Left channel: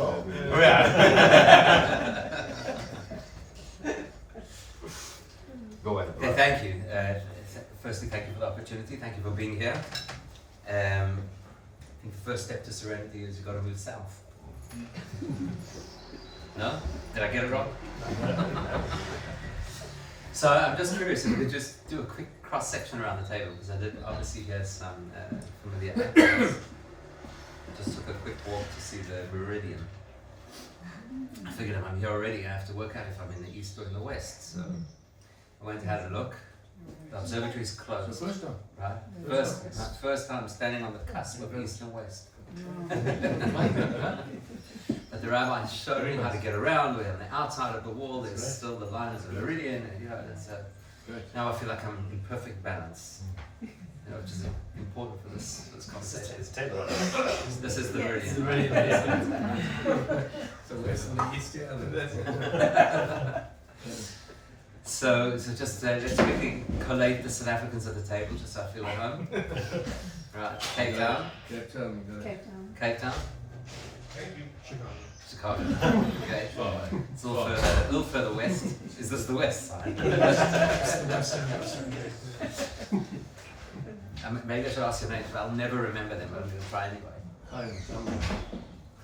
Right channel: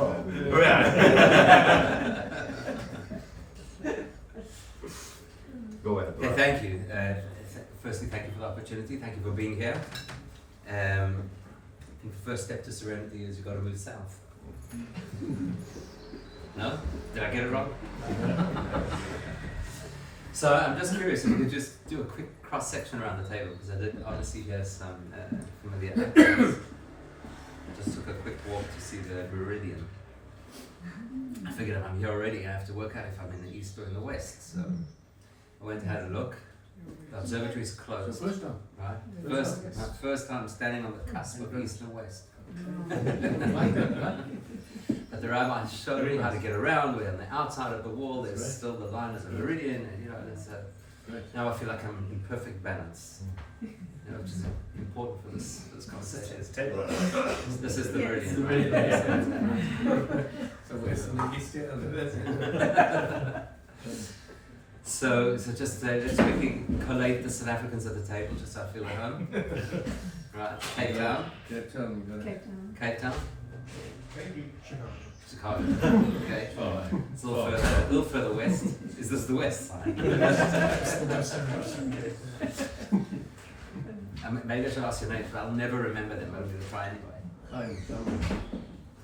well. Go ahead. Okay, thank you. Firstly, thank you for the opportunity. Thank you for being here. I think the first step to Serenity is you've got to move south. No? Did I get it wrong? So I'm just curious if we could just do a quick cross-section around the table, because I did obviously hear some familiar actors. I just took a quick walk to see the meridian. I figured if I'm here already, I have to work out if I'm in the east or in the west. So I went and had a look. The observatory is closed. So first time. Right? First time standing on the cusp of east and west. But the rabbi showed me how to get around. We're on the outside of the wall. There's still the line as a meridian, and now I feel like I'm in perfect balance. Which is important for this conversation. This is the meridian. So west and the east, and the west. So just let's quickly collate the South Africans at the table, just so I feel at home. Right, Cape Town. Cape Town. Chicago. Okay. It's a little further west. Is this the west side? Maybe I should ask your names, but I'll never remember them. I'm going to try anyway.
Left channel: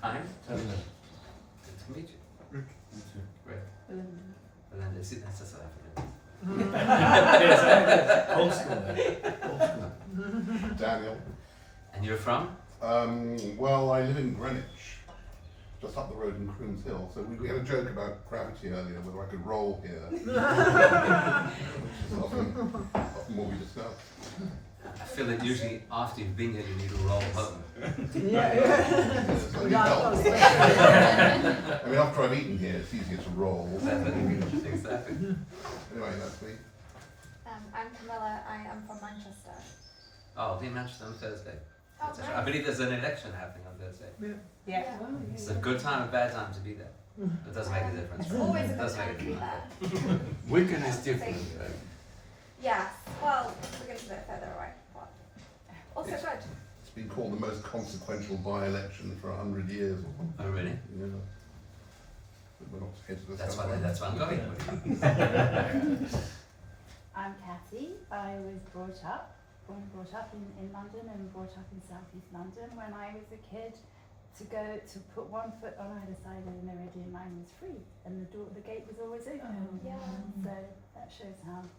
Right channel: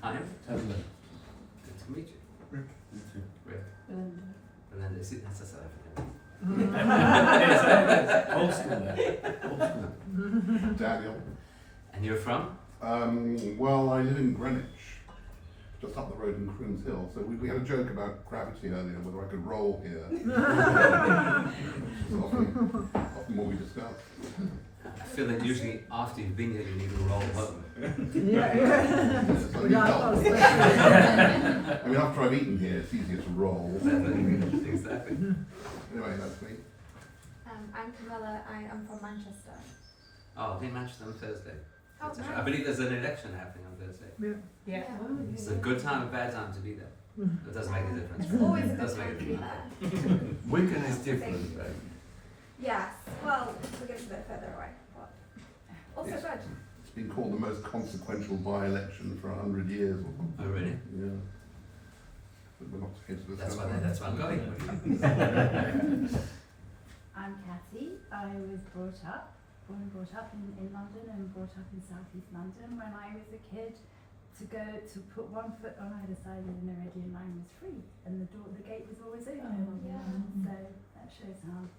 Time? Good to meet you. Rick. Belinda. See, that's a South African. Yes, old school. Old school. Daniel. And you're from? Well, I live in Greenwich, just up the road in Croons Hill. So we had a joke about gravity earlier, whether I could roll here. Which is often what we discuss. I feel that usually after you've been here, you need to roll home. So you help. I mean, after I've eaten here, it's easier to roll. Exactly. Anyway, that's me. I'm Camilla. I am from Manchester. Oh, I'll be in Manchester on Thursday. Oh, nice. I believe there's an election happening on Thursday. Yeah. It's a good time, a bad time to be there. It doesn't make a difference. It's always a It does good make time to be a there. difference. Wigan is different, right? Yes. Well, we're getting a bit further away, but also Yes. good. It's been called the most consequential by-election for 100 years. Or something. Oh, really? Yeah. But we're not here to That's discuss why I'm going. What do you think? I'm Cathy. I was brought up in London and brought up in southeast London. When I was a kid, to put one foot on either side of the meridian line was free, and the gate was always open. So that shows how.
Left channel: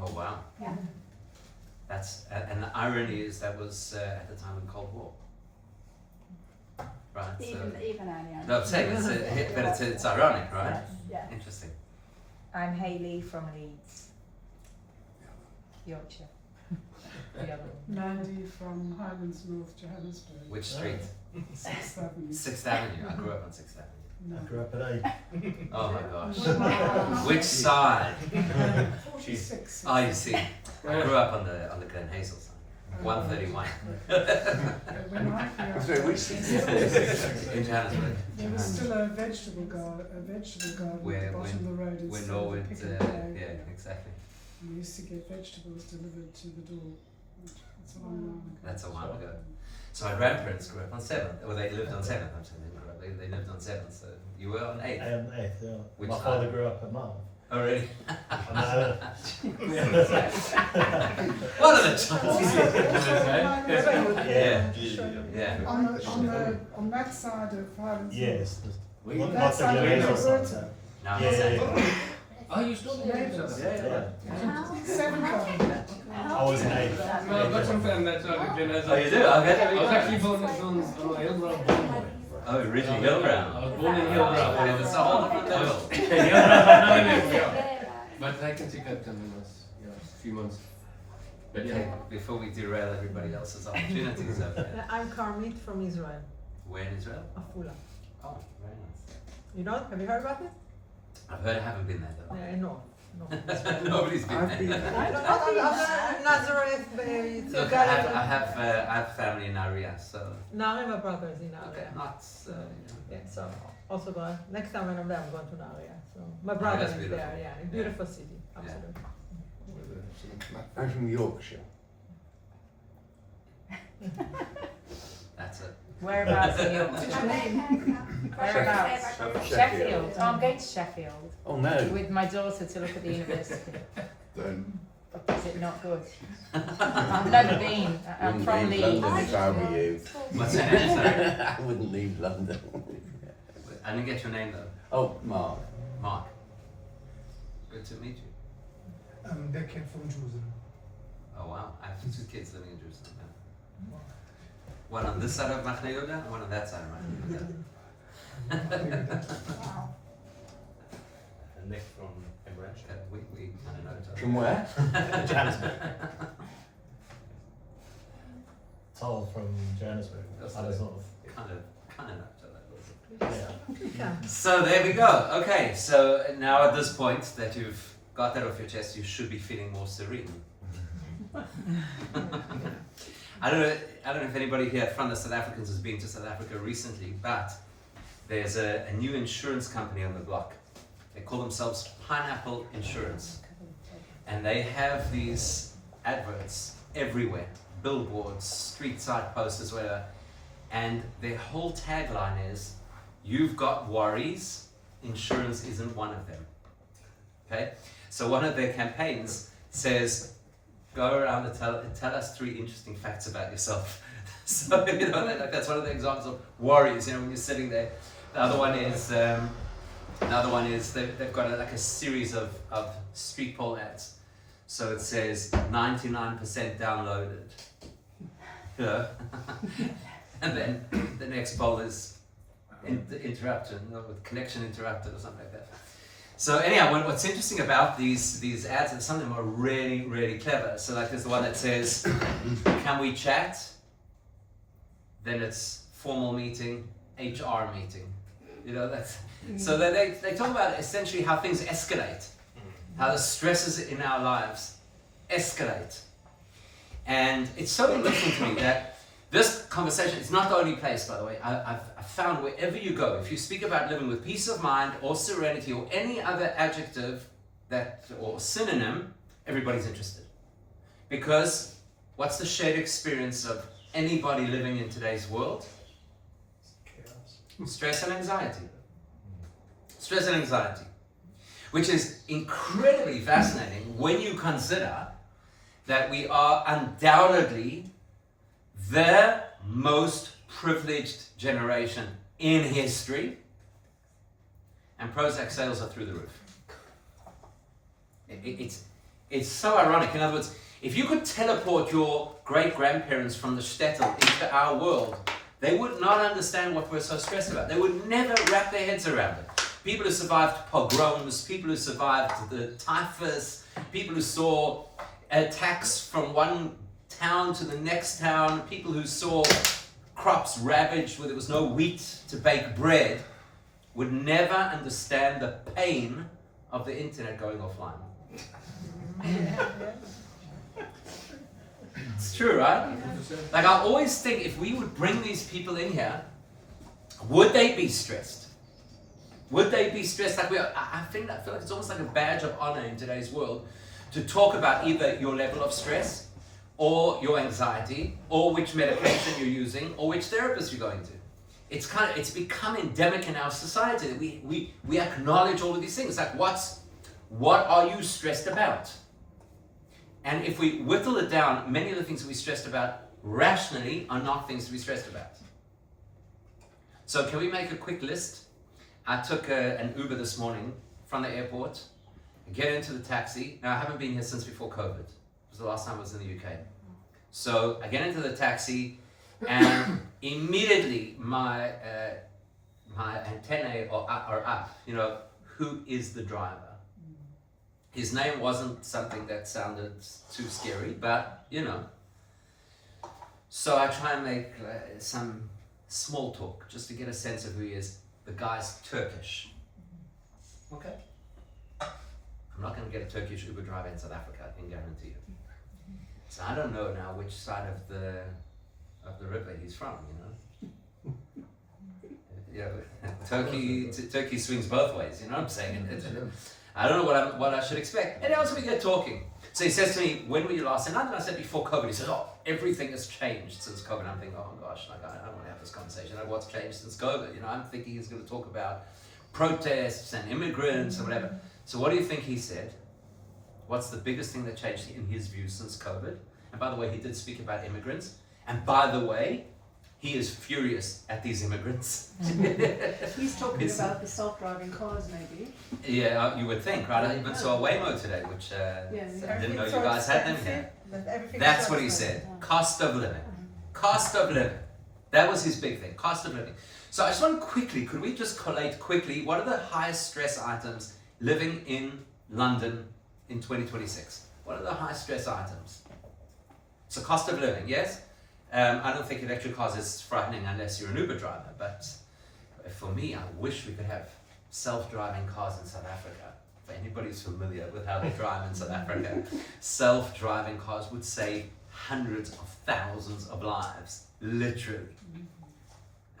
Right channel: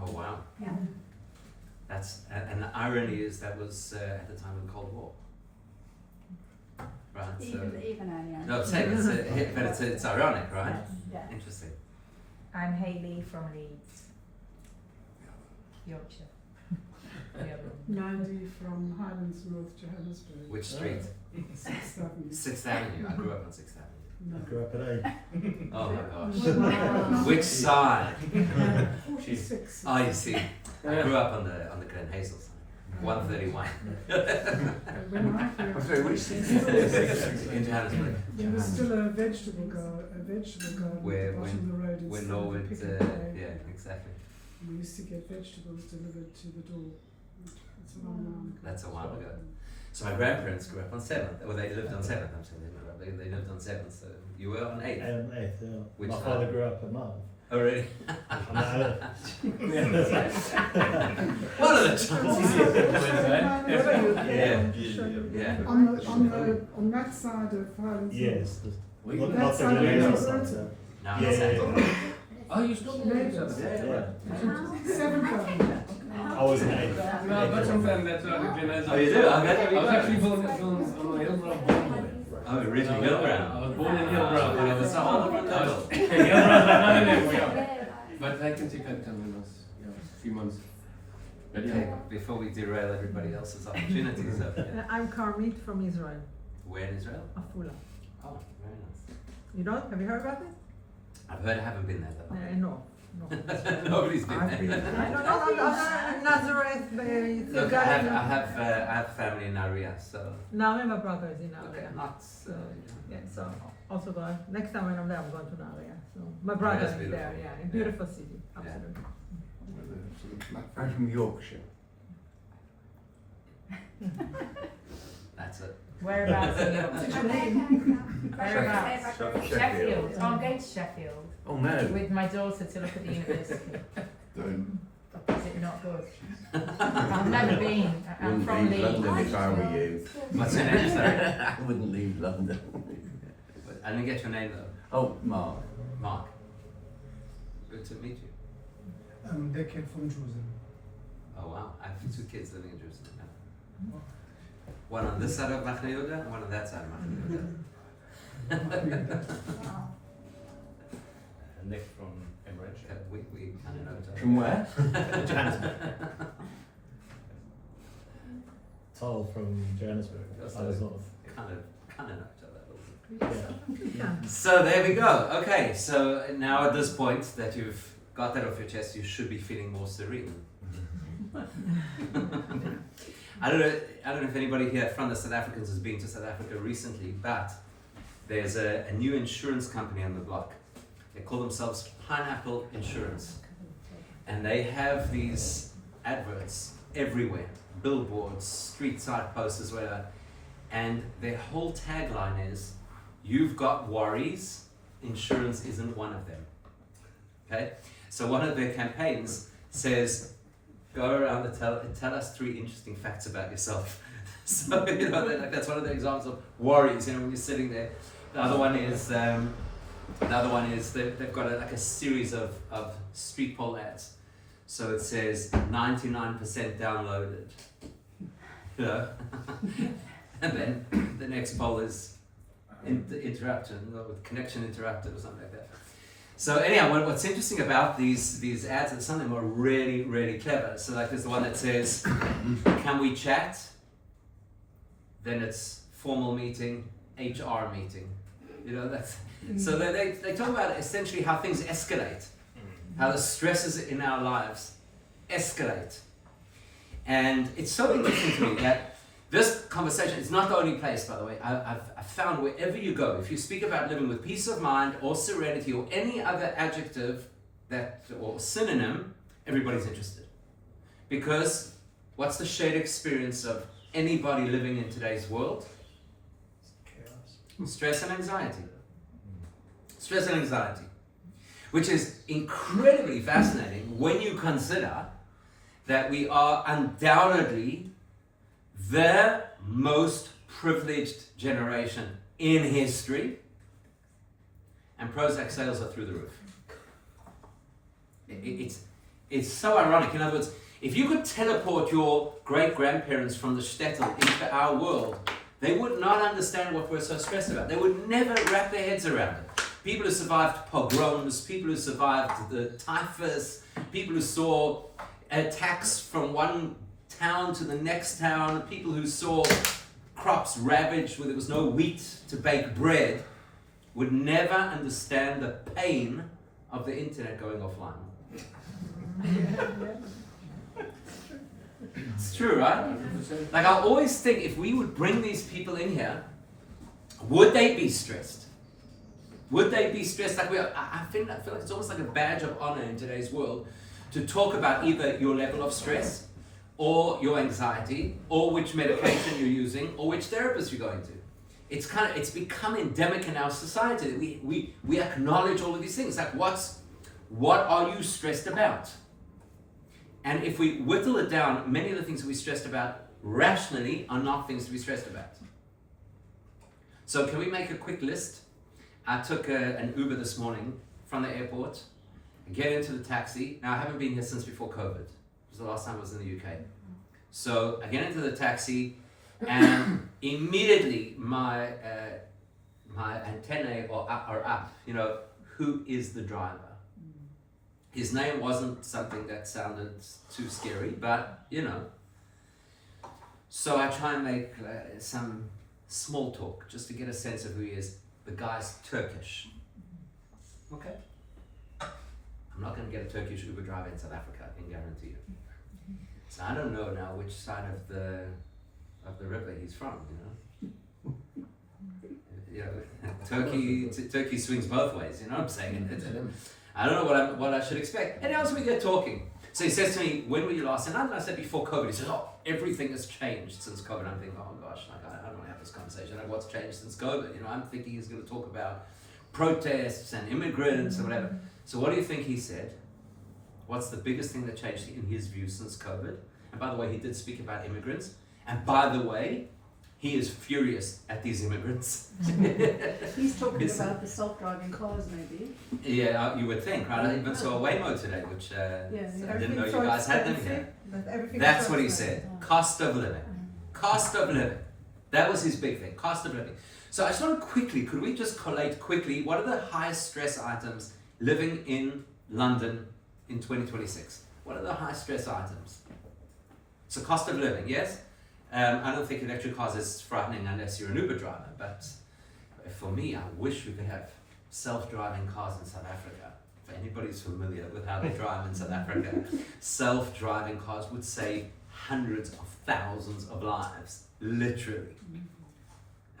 Oh, wow. Yeah. That's and the irony is that was at the time of the Cold War. Right. Even earlier. No, I'm saying it's ironic, right? Yes, yeah. Interesting. I'm Hayley from Leeds, Yorkshire. Mandy from Highlands, North Johannesburg. Which street? 6th Avenue. 6th Avenue. I grew up on 6th Avenue. No. I grew up at 8. Oh my gosh. Wow. Which side? 46. Oh, you see. I grew up on the Glen Hazel side. 131. In Johannesburg. There was still a vegetable garden at the Where bottom of the road in when Norwood, Piccadilly. yeah, exactly. We used to get vegetables delivered to the door. That's a long while ago. That's a while ago. So my grandparents grew up on 7th. Well, they lived on 7th. I'm saying they grew up. They lived on 7th. So you were on 8th. I am 8th, yeah. Which My side? father grew up at 9th. Oh, really? No. One of the chances. Yeah. Yeah. On that side of Highlands. Yes. That Not the side Glen of Hazel the side. road. No, I'm Yeah, not saying. yeah. Oh, you still know each other? Yeah. 7th Avenue. I was 8th. No, I've got some friends that's already been as Oh, you do? Okay. I was actually born on a Hillbrow born boy. Oh, originally Hillbrow. I was born in Hillbrow. Yeah, that's a whole different level. But I can see Cape Town when I was a few months. But Okay, yeah. before we derail everybody else's opportunities over there. I'm Karmit from Israel, Where in Israel? Afula. Oh, very nice. You know? Have you heard about it? I've heard, I haven't been there though. No. Nobody's been I've been there. I'm Nazareth. Look, I have family in Naria, so. Now my brother is in Okay, Area. not. So, yeah, so also next time when I'm there, I'm going to Naria. So my brother that's is beautiful. there. Yeah, a beautiful city. Absolutely. I'm from Yorkshire. That's it. Whereabouts in Yorkshire? Whereabouts? Sheffield. Oh, I'm going to Sheffield Oh no. with my daughter to look at the university. Don't. But is it not good? I've never been. I'm from Leeds. London if I were you. What's your name? Sorry. I wouldn't leave London. I didn't get your name though. Oh, Mark. Mark. Good to meet you. They came from Jerusalem. Oh wow, I have 2 kids living in Jerusalem. Yeah. One on this side of Machne Yehuda, and one on that side of Machne Yehuda. Wow. Nick from Cambridge. We kind of know each other. From where? Johannesburg. Toll from Johannesburg. That's Other nice. sort of. Kind of know each other a little bit. Yeah. Yeah. So there we go. Okay, so now at this point that you've got that off your chest, you should be feeling more serene. I don't know if anybody here from the South Africans has been to South Africa recently, but there's a new insurance company on the block. They call themselves Pineapple Insurance. And they have these adverts everywhere, billboards, street side posters, whatever. And their whole tagline is, "You've got worries, insurance isn't one of them." Okay? So one of their campaigns says, go around and tell us 3 interesting facts about yourself. So, you know, that's one of the examples of worries, you know, when you're sitting there. The other one is they've got a series of street pole ads. So it says 99% downloaded. You know? And then the next poll is interrupted, or connection interrupted or something like that. So anyhow, what's interesting about these ads is some of them are really, really clever. So like there's the one that says, "Can we chat?" Then it's formal meeting, HR meeting. You know, that's so they talk about essentially how things escalate, how the stresses in our lives escalate. And it's so interesting to me that this conversation is not the only place, by the way. I've found wherever you go, if you speak about living with peace of mind or serenity or any other adjective or synonym, everybody's interested. Because what's the shared experience of anybody living in today's world? Stress and anxiety. Stress and anxiety. Which is incredibly fascinating when you consider that we are undoubtedly the most privileged generation in history, and Prozac sales are through the roof. It's so ironic. In other words, if you could teleport your great-grandparents from the shtetl into our world, they would not understand what we're so stressed about. They would never wrap their heads around it. People who survived pogroms, people who survived the typhus, people who saw attacks from one town to the next town, people who saw crops ravaged where there was no wheat to bake bread, would never understand the pain of the internet going offline. It's true, right? Like I always think if we would bring these people in here, would they be stressed? Would they be stressed? Like I feel like it's almost like a badge of honor in today's world to talk about either your level of stress or your anxiety, or which medication you're using, or which therapist you're going to. It's become endemic in our society that we acknowledge all of these things. Like what are you stressed about? And if we whittle it down, many of the things that we're stressed about rationally are not things to be stressed about. So can we make a quick list? I took an Uber this morning from the airport, get into the taxi. Now I haven't been here since before COVID. It was the last time I was in the UK. So I get into the taxi and immediately my antennae are up. You know, who is the driver? His name wasn't something that sounded too scary, but you know. So I try and make some small talk just to get a sense of who he is. The guy's Turkish. Okay. I'm not going to get a Turkish Uber driver in South Africa, I can guarantee you. So I don't know now which side of the river he's from, you know. Turkey swings both ways, you know what I'm saying? I don't know what I should expect. And also we get talking. So he says to me, when were you last in London? I said, before COVID. He says, oh, everything has changed since COVID. I'm thinking, oh gosh, like I don't want to have this conversation. Like, what's changed since COVID? You know, I'm thinking he's going to talk about protests and immigrants or whatever. So what do you think he said? What's the biggest thing that changed in his view since COVID? And by the way, he did speak about immigrants. And by the way, he is furious at these immigrants. He's talking about the self-driving cars, maybe. Yeah, you would think, right? I even saw a Waymo today, which I didn't know you guys had them here. That's what he said. Cost of living. Cost of living. That was his big thing. Cost of living. So I just want quickly, could we just collate quickly, what are the highest stress items living in London in 2026? What are the high stress items? So cost of living, yes? I don't think electric cars is frightening unless you're an Uber driver, but for me, I wish we could have self-driving cars in South Africa. If anybody who's familiar with how they drive in South Africa, self-driving cars would save hundreds of thousands of lives, literally.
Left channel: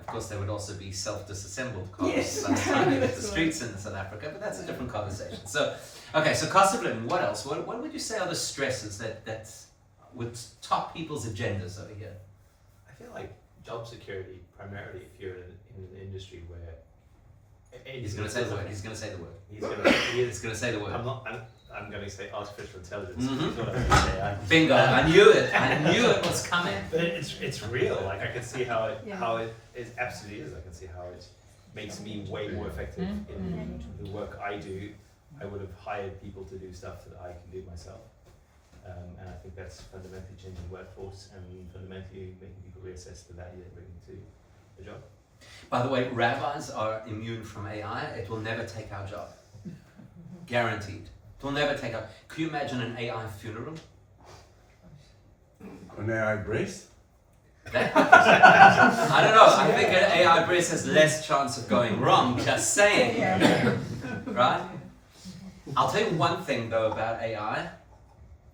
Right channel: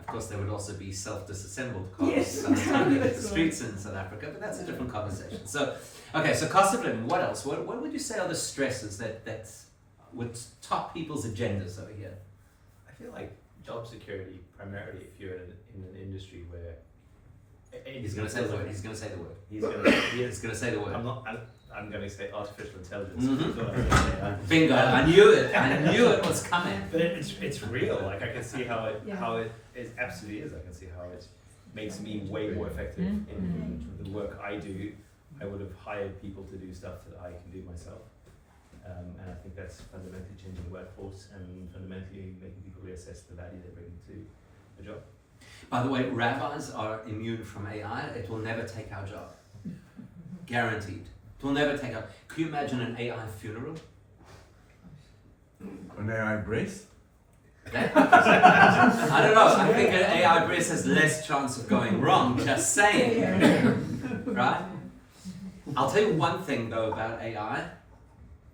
Of course, there would also be self-disassembled cars Yes. by the time you hit the streets in South Africa, but that's a different conversation. So, okay, so cost of living, what else? What would you say are the stresses that would top people's agendas over here? I feel like job security, primarily if you're in an industry where He's going to say the word. He's going to say the word. He's going to say the word. I'm going to say artificial intelligence. Mhm. That's what I was going to say. Bingo! I knew it. I knew it was coming. But it's real. Like I can see how Yeah. it is absolutely is. I can see how it makes me way more effective in the work I do. I would have hired people to do stuff that I can do myself, and I think that's fundamentally changing the workforce and fundamentally making people reassess the value they bring to the job. By the way, rabbis are immune from AI. It will never take our job. Guaranteed. It will never take our. Can you imagine an AI funeral? An AI brace? That, I don't know. I think an AI brace has less chance of going wrong. Just saying, right? I'll tell you one thing though about AI.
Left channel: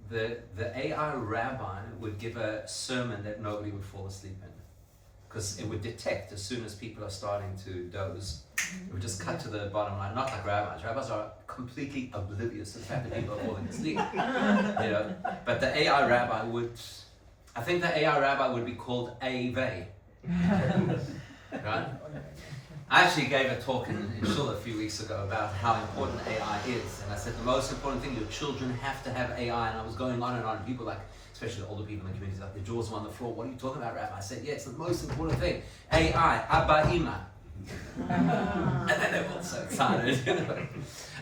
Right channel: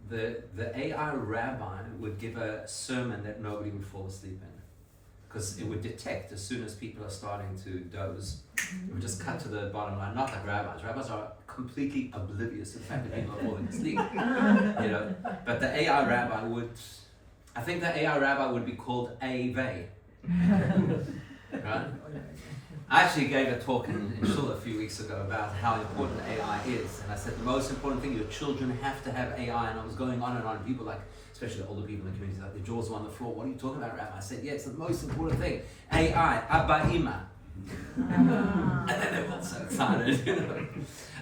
The AI rabbi would give a sermon that nobody would fall asleep in, because it would detect as soon as people are starting to doze. It would just cut to the bottom line. Not like rabbis. Rabbis are completely oblivious to the fact that people are falling asleep. You know, but the AI rabbi would. I think the AI rabbi would be called A-Vey. Right? I actually gave a talk in Shul a few weeks ago about how important AI is, and I said the most important thing, your children have to have AI, and I was going on and on, and people like, especially older people in the community, like their jaws were on the floor. What are you talking about, Rabbi? I said, yeah, it's the most important thing. AI, Abba Ima. And then they were all so excited. You know?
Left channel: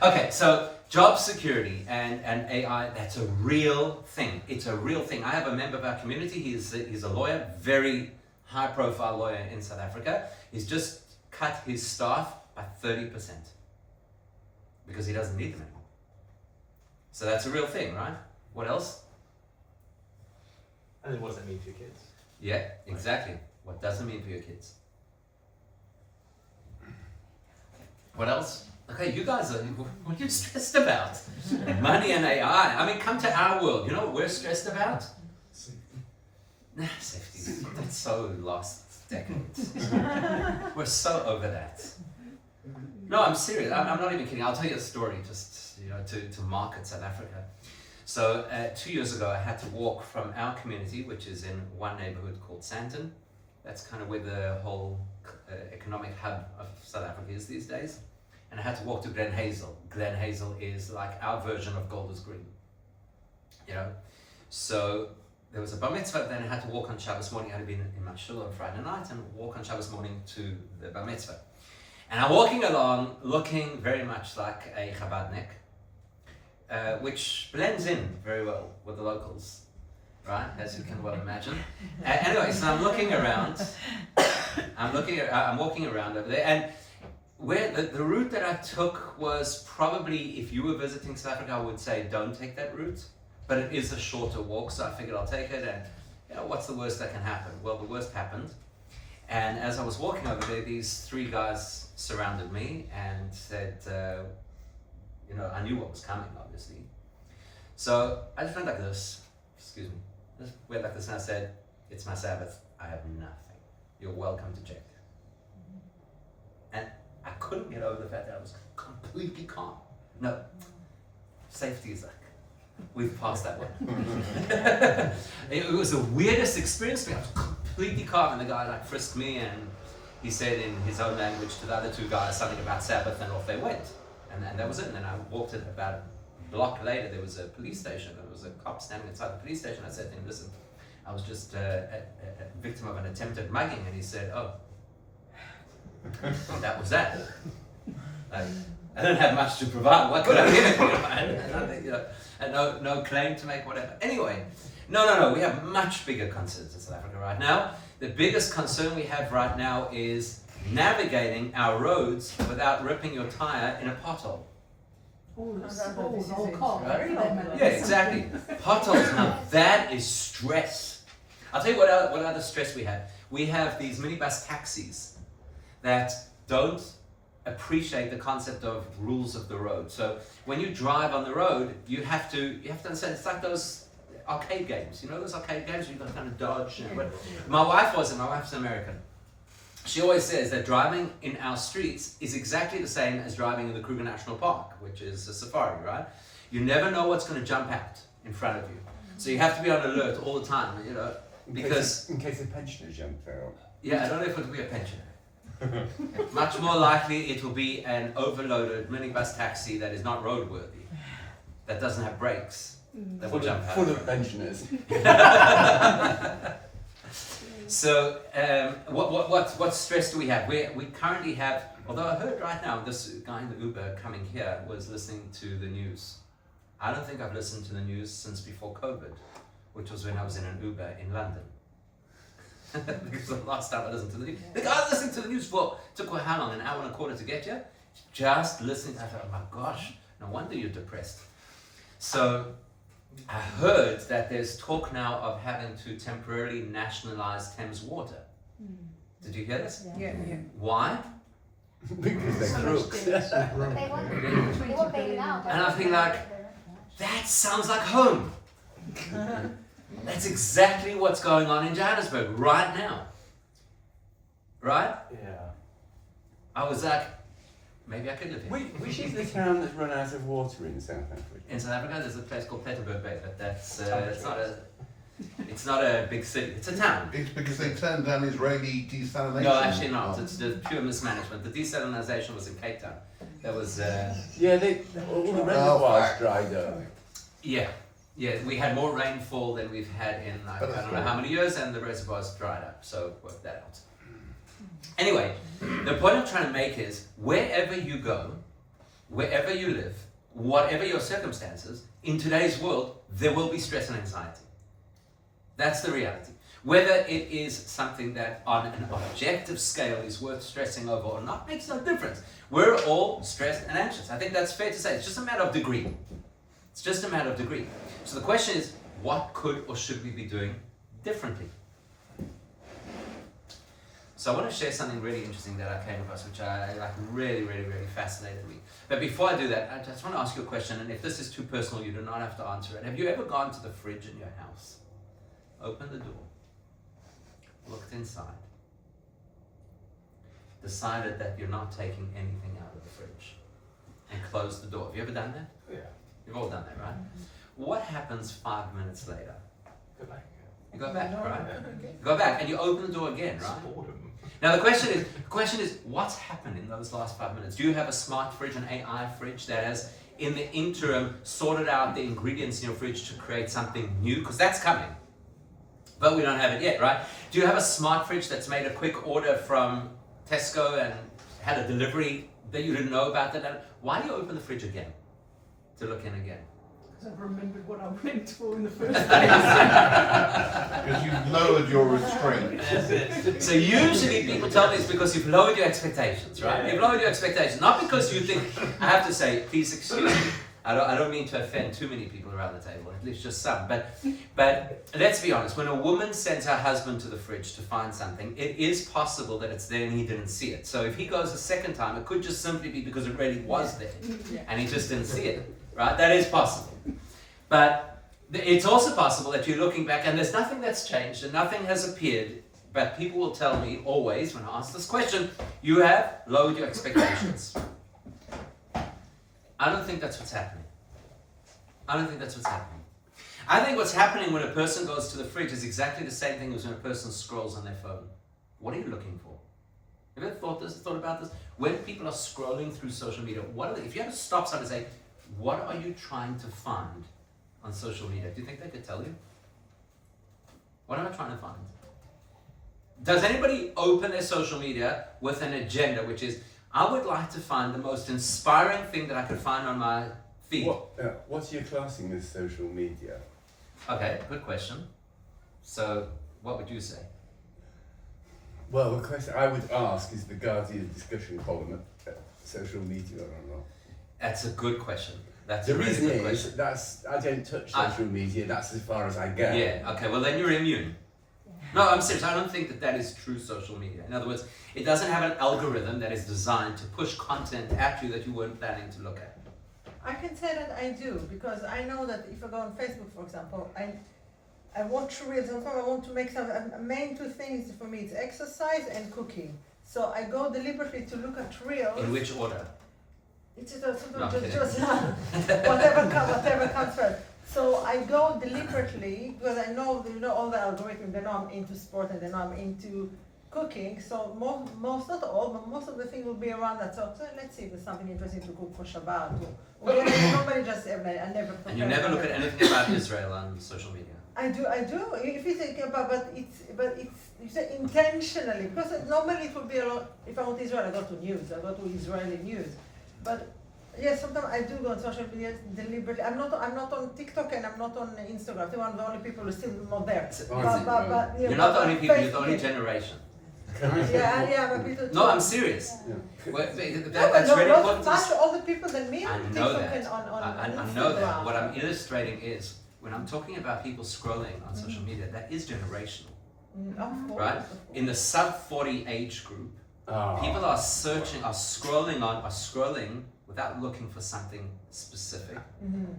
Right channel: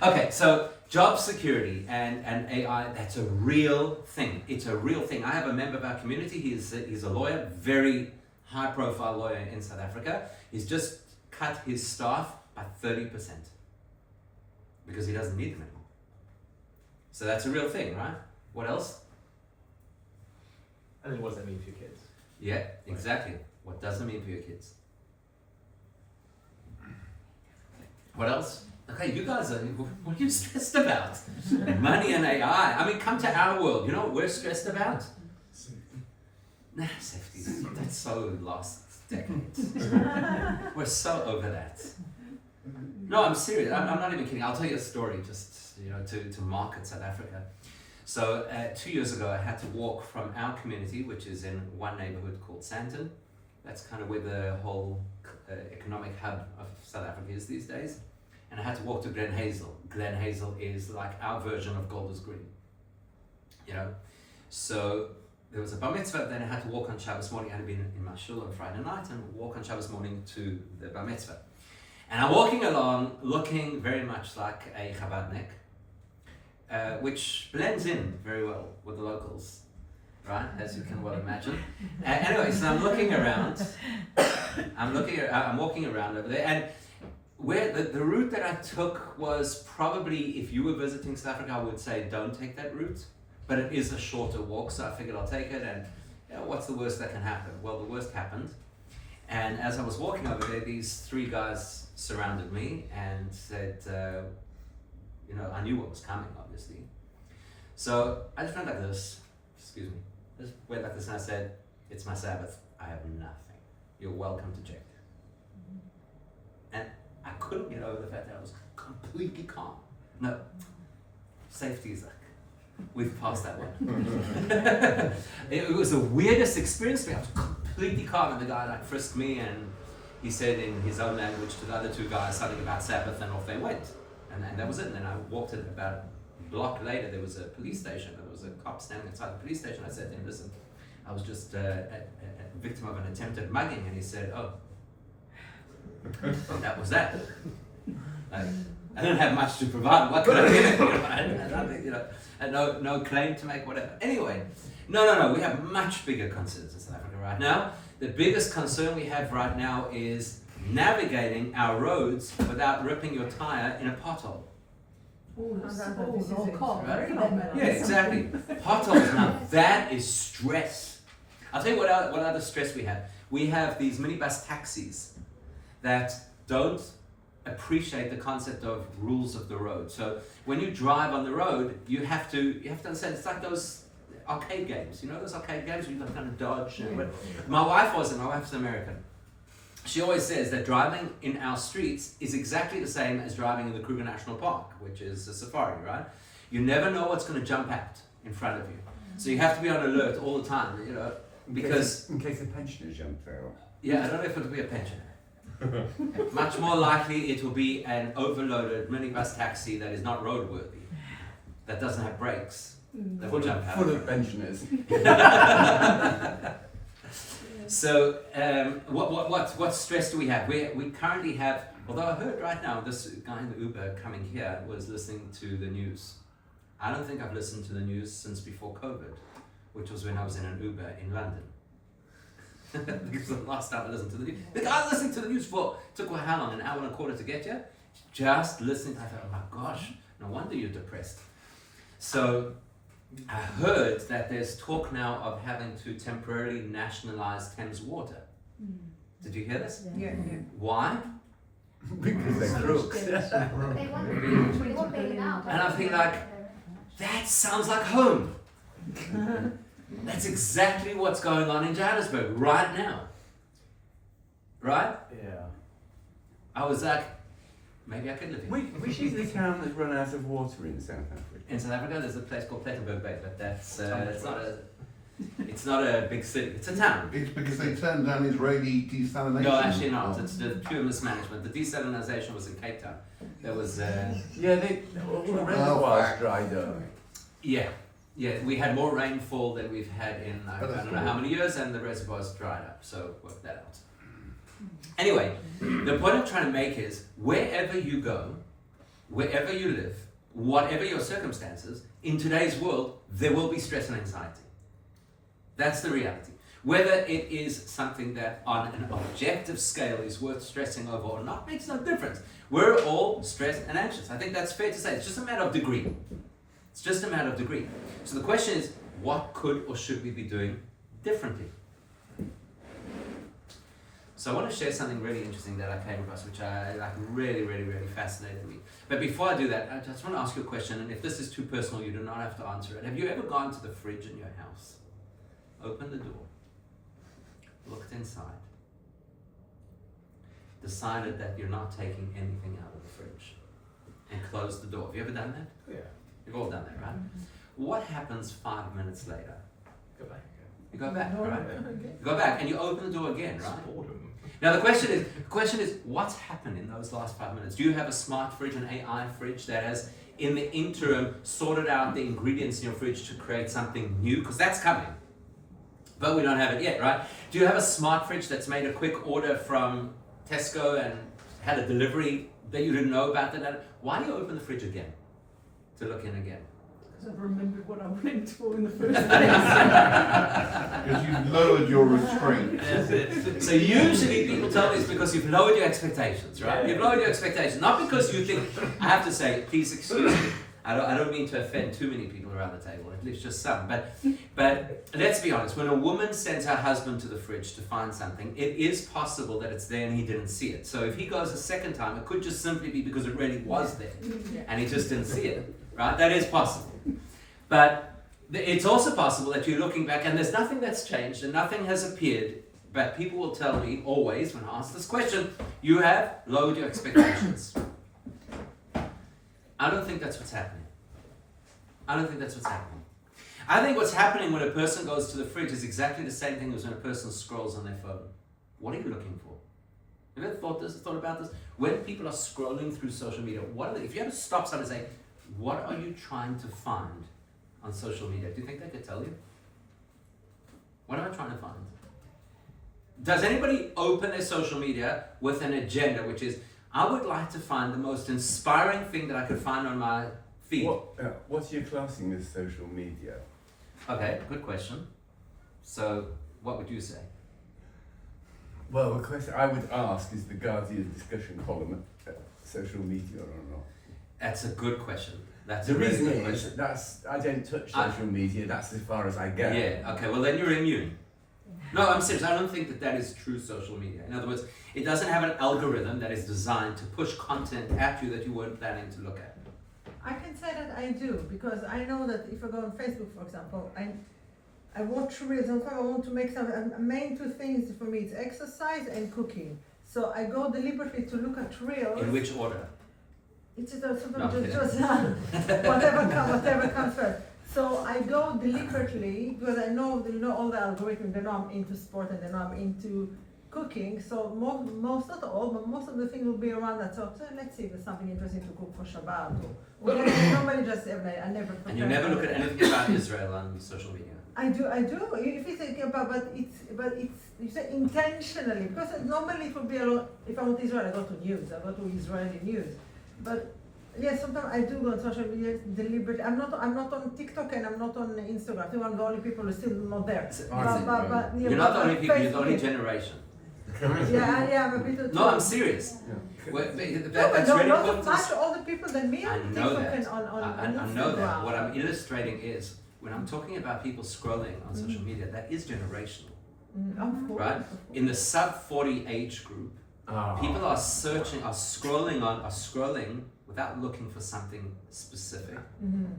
Okay, so job security and AI, that's a real thing. It's a real thing. I have a member of our community, he's a lawyer, very high profile lawyer in South Africa. He's just cut his staff by 30% because he doesn't need them anymore. So that's a real thing, right? What else? And then what does that mean for your kids? Yeah, exactly. What does it mean for your kids? What else? Okay, you guys are, what are you stressed about? Money and AI. I mean, come to our world. You know what we're stressed about? Nah, safety. That's so last decade. We're so over that. No, I'm serious. I'm not even kidding. I'll tell you a story just, you know, to market South Africa. So 2 years ago, I had to walk from our community, which is in one neighborhood called Sandton. That's kind of where the whole economic hub of South Africa is these days. And I had to walk to Glen Hazel. Glen Hazel is like our version of Golders Green, you know. So there was a bar mitzvah, then I had to walk on Shabbos morning. I had been in my shul on Friday night and walk on Shabbos morning to the bar mitzvah. And I'm walking along looking very much like a Chabadnik, which blends in very well with the locals, right? As you can well imagine. Anyway, so I'm looking around. I'm walking around over there, and where the route that I took was probably, if you were visiting South Africa, I would say don't take that route, but it is a shorter walk, so I figured I'll take it, and you know, what's the worst that can happen? Well, the worst happened, and as I was walking over there, these three guys surrounded me and said, you know, I knew what was coming, obviously. So I just went like this, excuse me, just went like this, and I said, it's my Sabbath, I have nothing. You're welcome to check. And I couldn't get over the fact that I was completely calm. No, safety is like We've passed that one. It was the weirdest experience for me. I was completely calm, and the guy like frisked me, and he said in his own language to the other two guys something about Sabbath, and off they went. And that was it. And then I walked in about a block later, there was a police station. There was a cop standing inside the police station. I said to him, listen, I was just a victim of an attempted mugging. And he said, oh, that was that. I don't have much to provide. What could I give him? And no claim to make, whatever. Anyway, no. We have much bigger concerns in South Africa right now. The biggest concern we have right now is navigating our roads without ripping your tire in a pothole. Right? Yeah, exactly. Potholes, now that is stress. I'll tell you what other stress we have. We have these minibus taxis that don't appreciate the concept of rules of the road. So when you drive on the road, you have to understand, it's like those arcade games. You know those arcade games where you've got to kind of dodge. My wife's American. She always says that driving in our streets is exactly the same as driving in the Kruger National Park, which is a safari, right? You never know what's going to jump out in front of you. So you have to be on alert all the time, you know, because... In case the pensioners jump out. Yeah, I don't know if it'll be a pensioner. Much more likely it will be an overloaded minibus taxi that is not roadworthy, that doesn't have brakes, that will jump out. Full of pensioners. So, what stress do we have? We currently have, although I heard right now, this guy in the Uber coming here was listening to the news. I don't think I've listened to the news since before COVID, which was when I was in an Uber in London. Because the last time I listened to the news. The guy listening to the news took how long? An hour and a quarter to get here? Just listening. I thought, oh my gosh, no wonder you're depressed. So, I heard that there's talk now of having to temporarily nationalize Thames Water. Did you hear this? Yeah. Why? Because they're crooks. They want bailing out. And I feel like, that sounds like home. That's exactly what's going on in Johannesburg right now. Right? Yeah. I was like, maybe I could live here. Which is the town that's run out of water in South Africa? In South Africa, there's a place called Plettenberg Bay, but that's it's not a big city. It's a town. It's because they turned down Israeli desalination. No, actually not. It's the pure mismanagement. The desalination was in Cape Town. There was Yeah, all the reservoirs dried up. yeah. We had more rainfall than we've had in I don't know how many years, and the reservoirs dried up. So work that out. Anyway, the point I'm trying to make is wherever you go, wherever you live, whatever your circumstances, in today's world, there will be stress and anxiety. That's the reality. Whether it is something that on an objective scale is worth stressing over or not makes no difference. We're all stressed and anxious. I think that's fair to say. It's just a matter of degree. It's just a matter of degree. So the question is, what could or should we be doing differently? So I want to share something really interesting that I came across, which I really fascinated me. But before I do that, I just want to ask you a question, and if this is too personal, you do not have to answer it. Have you ever gone to the fridge in your house, opened the door, looked inside, decided that you're not taking anything out of the fridge, and closed the door? Have you ever done that? Yeah. You've all done that, right? What happens 5 minutes later? Go back. You go back, right? You go back and you open the door again, right? Boredom. Now the question is, what's happened in those last 5 minutes? Do you have a smart fridge, an AI fridge that has, in the interim, sorted out the ingredients in your fridge to create something new? Because that's coming. But we don't have it yet, right? Do you have a smart fridge that's made a quick order from Tesco and had a delivery that you didn't know about? Why do you open the fridge again? To look in again? Because I've remembered what I went for in the first place. Because you've lowered your restraint. So usually people tell me it's because you've lowered your expectations, right? Yeah. You've lowered your expectations, not because you think, I have to say, please excuse me, I don't mean to offend too many people around the table, at least just some, but let's be honest, when a woman sends her husband to the fridge to find something, it is possible that it's there and he didn't see it. So if he goes a second time, it could just simply be because it really was there and he just didn't see it, right? That is possible. But it's also possible that you're looking back and there's nothing that's changed and nothing has appeared, but people will tell me always when I ask this question, you have lowered your expectations. I don't think that's what's happening. I don't think that's what's happening. I think what's happening when a person goes to the fridge is exactly the same thing as when a person scrolls on their phone. What are you looking for? Have you ever thought about this? When people are scrolling through social media, if you had to stop someone and say, what are you trying to find on social media? Do you think they could tell you? What am I trying to find? Does anybody open their social media with an agenda, which is, I would like to find the most inspiring thing that I could find on my feed? What's your classing as social media? Okay, good question. So, what would you say? Well, the question I would ask is the Guardian discussion column social media or not? That's a good question. That's The a really reason good is question. I don't touch social media. That's as far as I go. Yeah, okay, well then you're immune. No, I'm serious. I don't think that is true social media. In other words, it doesn't have an algorithm that is designed to push content at you that you weren't planning to look at. I can say that I do, because I know that if I go on Facebook, for example, I watch reels, and I want to make some, main two things for me, it's exercise and cooking. So I go deliberately to look at reels. In which order? It's just No, I'm kidding. whatever comes first. So I go deliberately, because I know all the algorithms, they know I'm into sport and they know I'm into cooking. So most not all, but most of the things will be around that. So let's see if there's something interesting to cook for Shabbat. Or nobody just, I never. And you never look at anything about Israel on social media. I do. If you think about, but it's, you say intentionally, because normally it would be a lot, if I want Israel, I go to news, I go to Israeli news. But yes, sometimes I do go on social media deliberately. I'm not on TikTok and I'm not on Instagram. I think I'm the only people who are still not there. You're not the only people, you're the only generation. Yeah, but people. No, I'm serious. Yeah. Well, that's really important. Much older people than me. I on know TikTok that. and on I know that. Instagram. What I'm illustrating is, when I'm talking about people scrolling on social media, that is generational, Of course, right? of course. In the sub 40 age group, people are scrolling without looking for something specific,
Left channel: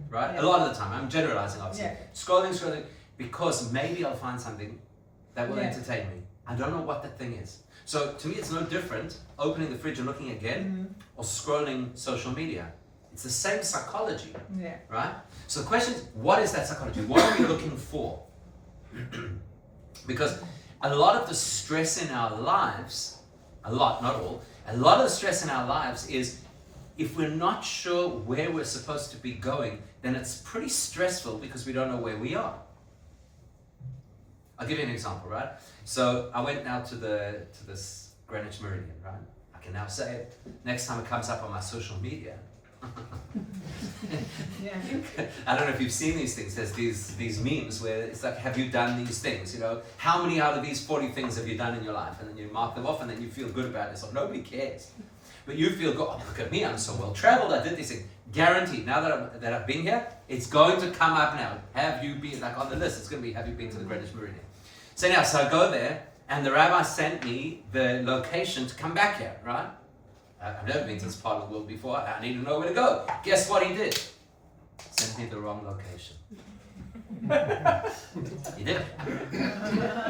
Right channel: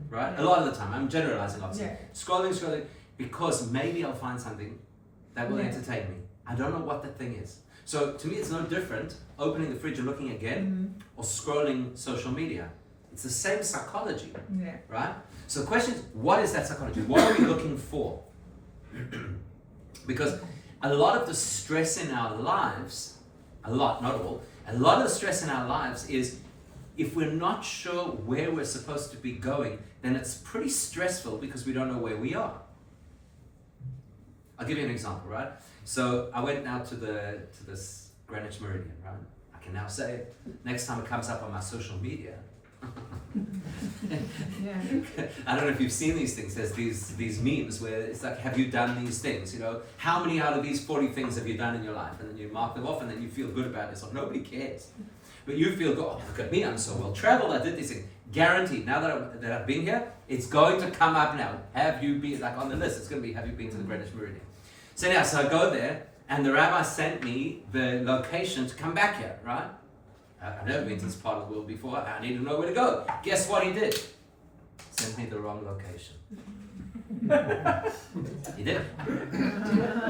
right? Yeah. A lot of the time, I'm generalizing obviously. Yeah. Scrolling, because maybe I'll find something that will Yeah. entertain me. I don't know what that thing is. So to me, it's no different opening the fridge and looking again, or scrolling social media. It's the same psychology, Yeah. right? So the question is, what is that psychology? What are we looking for? Because a lot of the stress in our lives, a lot, not all, a lot of the stress in our lives is, if we're not sure where we're supposed to be going, then it's pretty stressful because we don't know where we are. I'll give you an example, right? So I went now to this Greenwich Meridian, right? I can now say it. Next time it comes up on my social media. Yeah. I don't know if you've seen these things. There's these memes where it's like, have you done these things? You know, how many out of these 40 things have you done in your life? And then you mark them off, and then you feel good about yourself. Nobody cares, but you feel good. Oh, look at me! I'm so well traveled. I did this thing. Guaranteed. Now that I've been here, it's going to come up now. Have you been, like on the list? It's going to be, have you been to the Greenwich Meridian? So I go there, and the rabbi sent me the location to come back here. Right? I've never been to this part of the world before. I need to know where to go. Guess what he did? Sent me the wrong location. He did.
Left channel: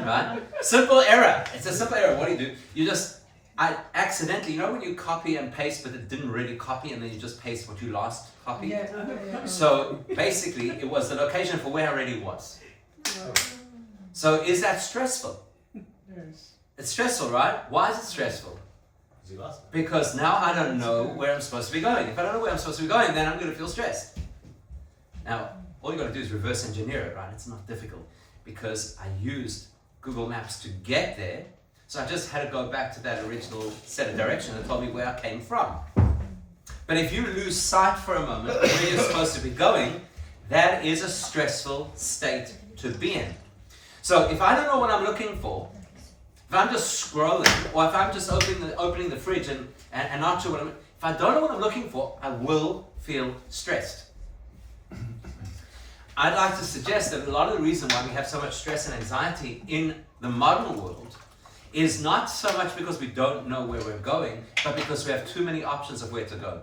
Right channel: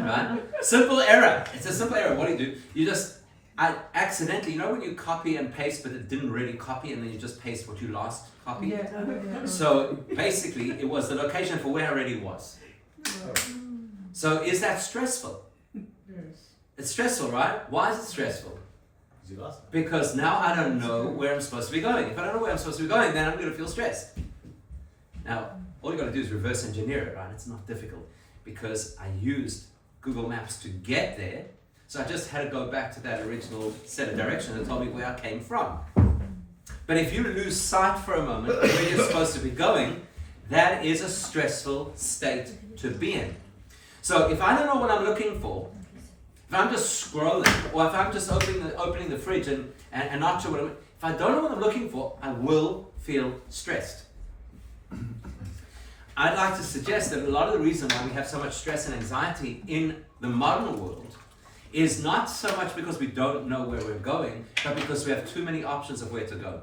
Right? Simple error. It's a simple error. What do? I accidentally, you know when you copy and paste but it didn't really copy, and then you just paste what you last copied? Yeah. So basically it was the location for where I already was. So is that stressful? Yes. It's stressful, right? Why is it stressful? You asked. Because now I don't know where I'm supposed to be going. If I don't know where I'm supposed to be going, then I'm going to feel stressed. Now, all you got to do is reverse engineer it, right? It's not difficult, because I used Google Maps to get there. So I just had to go back to that original set of directions that told me where I came from. But if you lose sight for a moment of where you're supposed to be going, that is a stressful state to be in. So if I don't know what I'm looking for, if I'm just scrolling, or if I'm just opening the fridge and not sure if I don't know what I'm looking for, I will feel stressed. I'd like to suggest that a lot of the reason why we have so much stress and anxiety in the modern world is not so much because we don't know where we're going, but because we have too many options of where to go.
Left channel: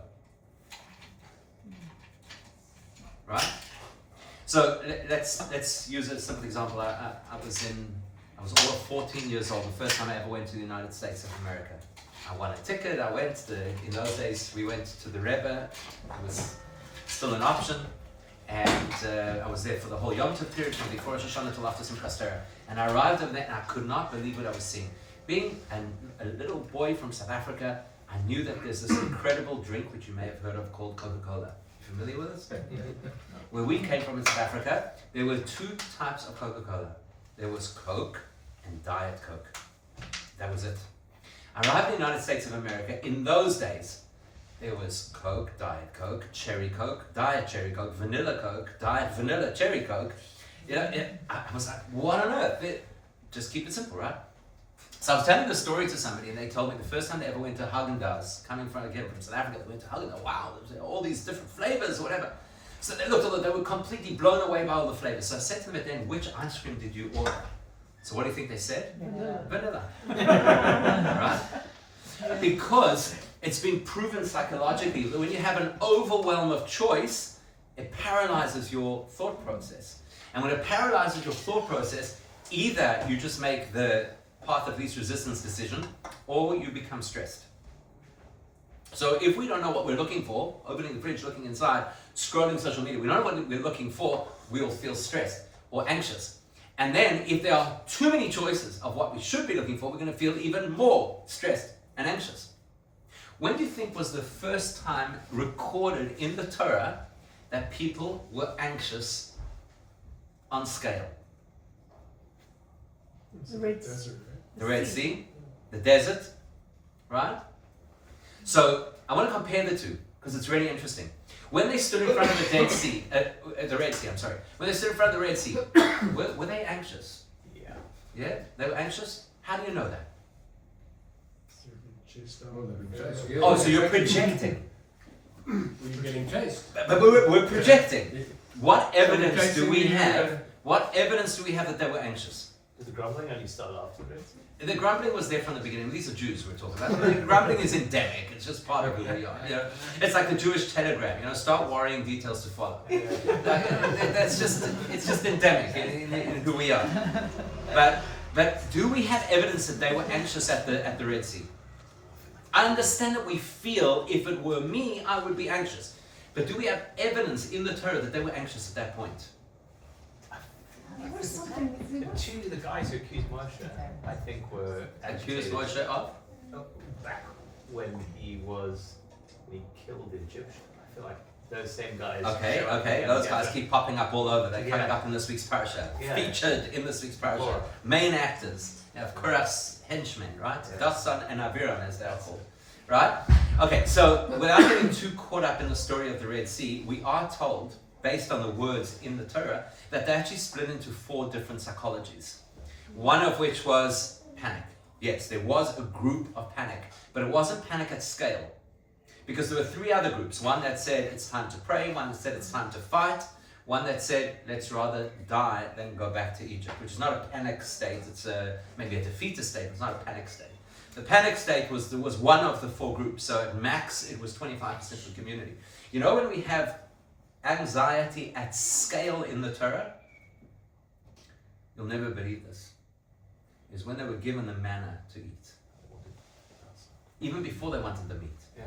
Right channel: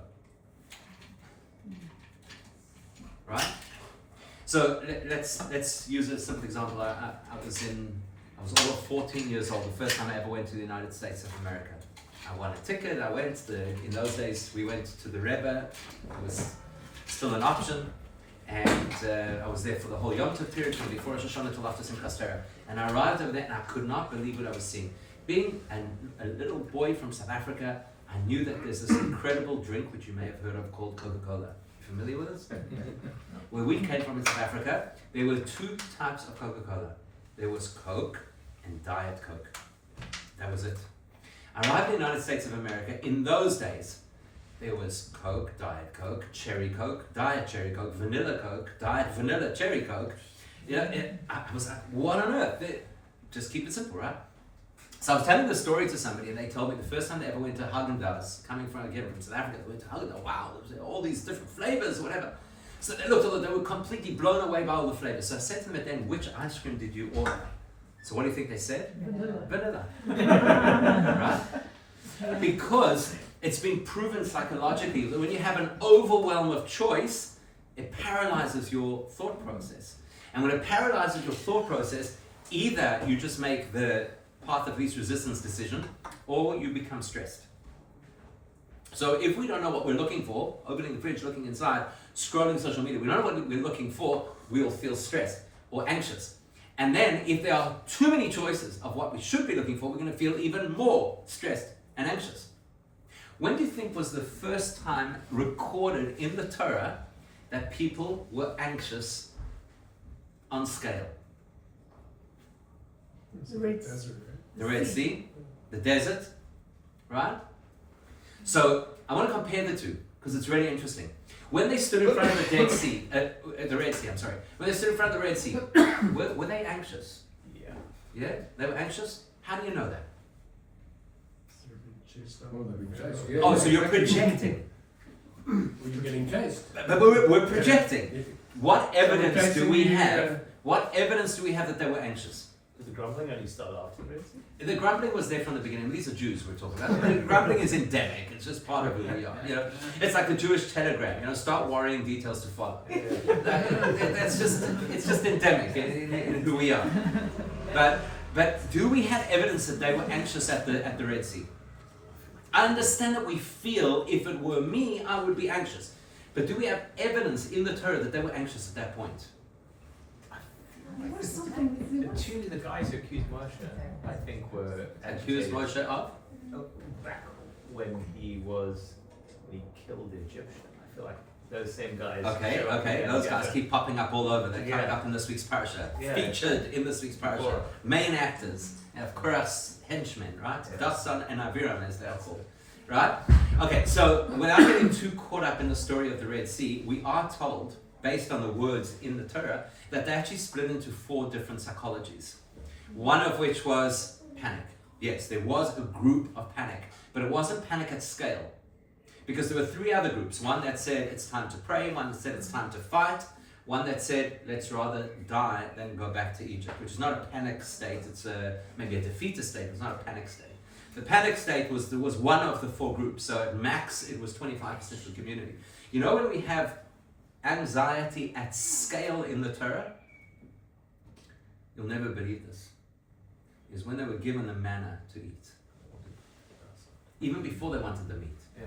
Right? So let's use a simple example. I was all of 14 years old, the first time I ever went to the United States of America. I won a ticket, I went, in those days we went to the Rebbe, it was still an option, and I was there for the whole Yom Tov period, from before Rosh Hashanah till after Simchas Torah. And I arrived over there and I could not believe what I was seeing. Being a little boy from South Africa, I knew that there's this incredible drink which you may have heard of called Coca-Cola. You familiar with this? Where we came from in South Africa, there were two types of Coca-Cola. There was Coke and Diet Coke. That was it. I arrived in the United States of America. In those days, there was Coke, Diet Coke, Cherry Coke, Diet Cherry Coke, Vanilla Coke, Diet Vanilla Cherry Coke. You know, I was like, what on earth? Just keep it simple, right? So I was telling the story to somebody, and they told me the first time they ever went to Haagen-Dazs, coming from South Africa, they went to Haagen-Dazs. Wow, there was all these different flavors, or whatever. So they looked, they were completely blown away by all the flavors. So I said to them at the end, which ice cream did you order? So what do you think they said? Vanilla. Right? Because it's been proven psychologically that when you have an overwhelm of choice, it paralyzes your thought process. And when it paralyzes your thought process, either you just make the path of least resistance decision, or you become stressed. So if we don't know what we're looking for, opening the fridge, looking inside, scrolling social media, we don't know what we're looking for, we'll feel stressed or anxious. And then if there are too many choices of what we should be looking for, we're going to feel even more stressed and anxious. When do you think was the first time recorded in the Torah that people were anxious on scale? The desert, right? The Red Sea, the desert, right? So I want to compare the two because it's really interesting. When they stood in front of the Red Sea, when they stood in front of the Red Sea, were they anxious? Yeah. Yeah, they were anxious. How do you know that? Oh, so you're projecting. We're getting chased. But we're projecting. What evidence do we have? What evidence do we have that they were anxious? Did the grumbling only start after this? The grumbling was there from the beginning. These are Jews we're talking about. The grumbling is endemic. It's just part of who we are. You know, it's like the Jewish telegram. You know, start worrying, details to follow. It's just endemic in who we are. But do we have evidence that they were anxious at the Red Sea? I understand that we feel if it were me, I would be anxious. But do we have evidence in the Torah that they were anxious at that point? The guys who accused Moshe, I think, were Accused Moshe of? Back when he killed the Egyptian. I feel like those same guys. Okay. Those guys keep popping up all over. They're coming up in this week's parasha. Yeah. Featured in this week's parasha. Sure. Main actors. And of Korach's henchmen, right? Yeah. Dasan and Aviram, as they are called. Right? Okay, so without getting too caught up in the story of the Red Sea, we are told, based on the words in the Torah, that they actually split into 4 different psychologies. One of which was panic. Yes, there was a group of panic, but it wasn't panic at scale. Because there were 3 other groups. One that said it's time to pray, one that said it's time to fight, one that said let's rather die than go back to Egypt, which is not a panic state, it's maybe a defeatist state, it's not a panic state. The panic state was one of the 4 groups, so at max it was 25% of the community. You know, when we have anxiety at scale in the Torah, you'll never believe this, is when they were given the manna to eat. Even before they wanted the meat. Yeah.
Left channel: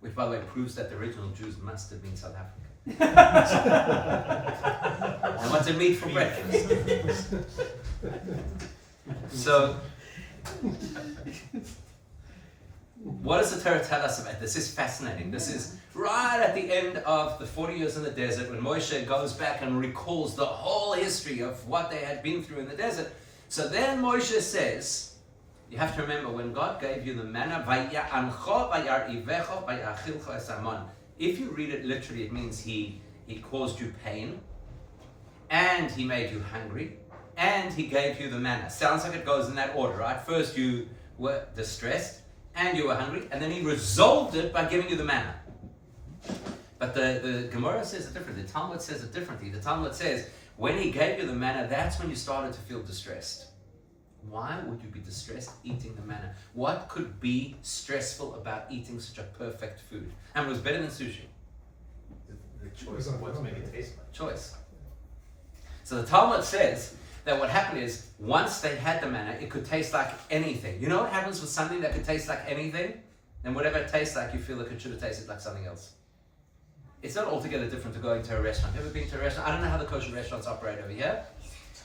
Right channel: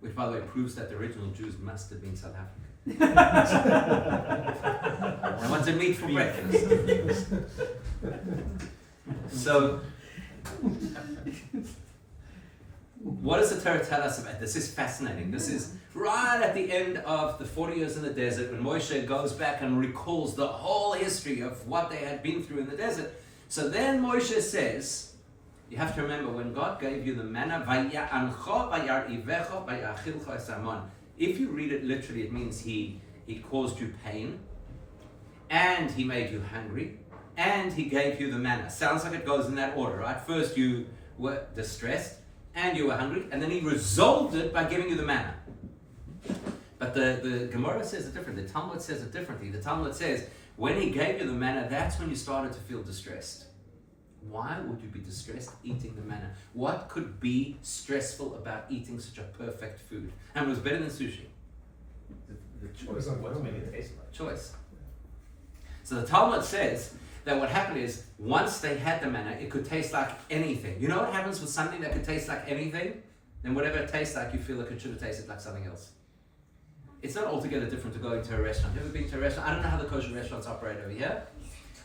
Which, by the way, proves that the original Jews must have been South African. I wanted meat for breakfast. So, what does the Torah tell us about this? Is fascinating. This is right at the end of the 40 years in the desert, when Moshe goes back and recalls the whole history of what they had been through in the desert. So then Moshe says, you have to remember, when God gave you the manna, if you read it literally, it means he caused you pain, and he made you hungry, and he gave you the manna. Sounds like it goes in that order, right? First you were distressed, and you were hungry, and then he resolved it by giving you the manna. But the Gemara says it differently. The Talmud says it differently. The Talmud says, when he gave you the manna, that's when you started to feel distressed. Why would you be distressed eating the manna? What could be stressful about eating such a perfect food? And it was better than sushi. The choice of what to make it taste like. Choice. So the Talmud says that what happened is, once they had the manna, it could taste like anything. You know what happens with something that could taste like anything? Then whatever it tastes like, you feel like it should have tasted like something else. it's not altogether different to going to a restaurant. Ever been to a restaurant? I don't know how the kosher restaurants operate over here.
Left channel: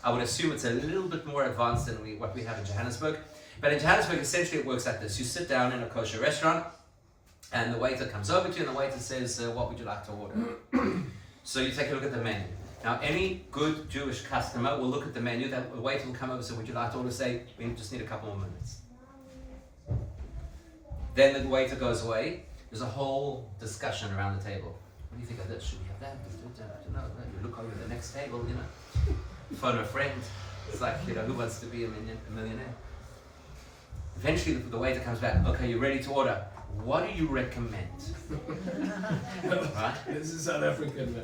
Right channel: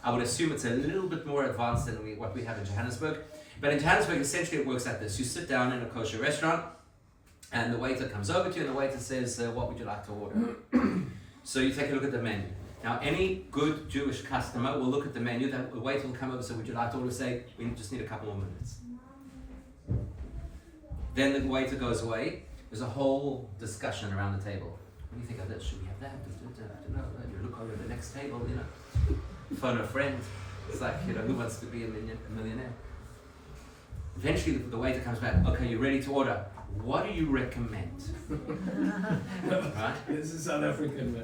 I would assume it's a little bit more advanced than what we have in Johannesburg. But in Johannesburg, essentially it works like this. You sit down in a kosher restaurant, and the waiter comes over to you, and the waiter says, what would you like to order? So you take a look at the menu. Now, any good Jewish customer will look at the menu. The waiter will come over and say, would you like to order? Say, we just need a couple more minutes. Then the waiter goes away. There's a whole discussion around the table. What do you think of this? Should we have that? I don't know. You look over the next table, you know. Phone a friend. It's like, you know, who wants to be a millionaire? Eventually, the waiter comes back. Okay, you ready to order? What do you recommend? Right? This is South African, man.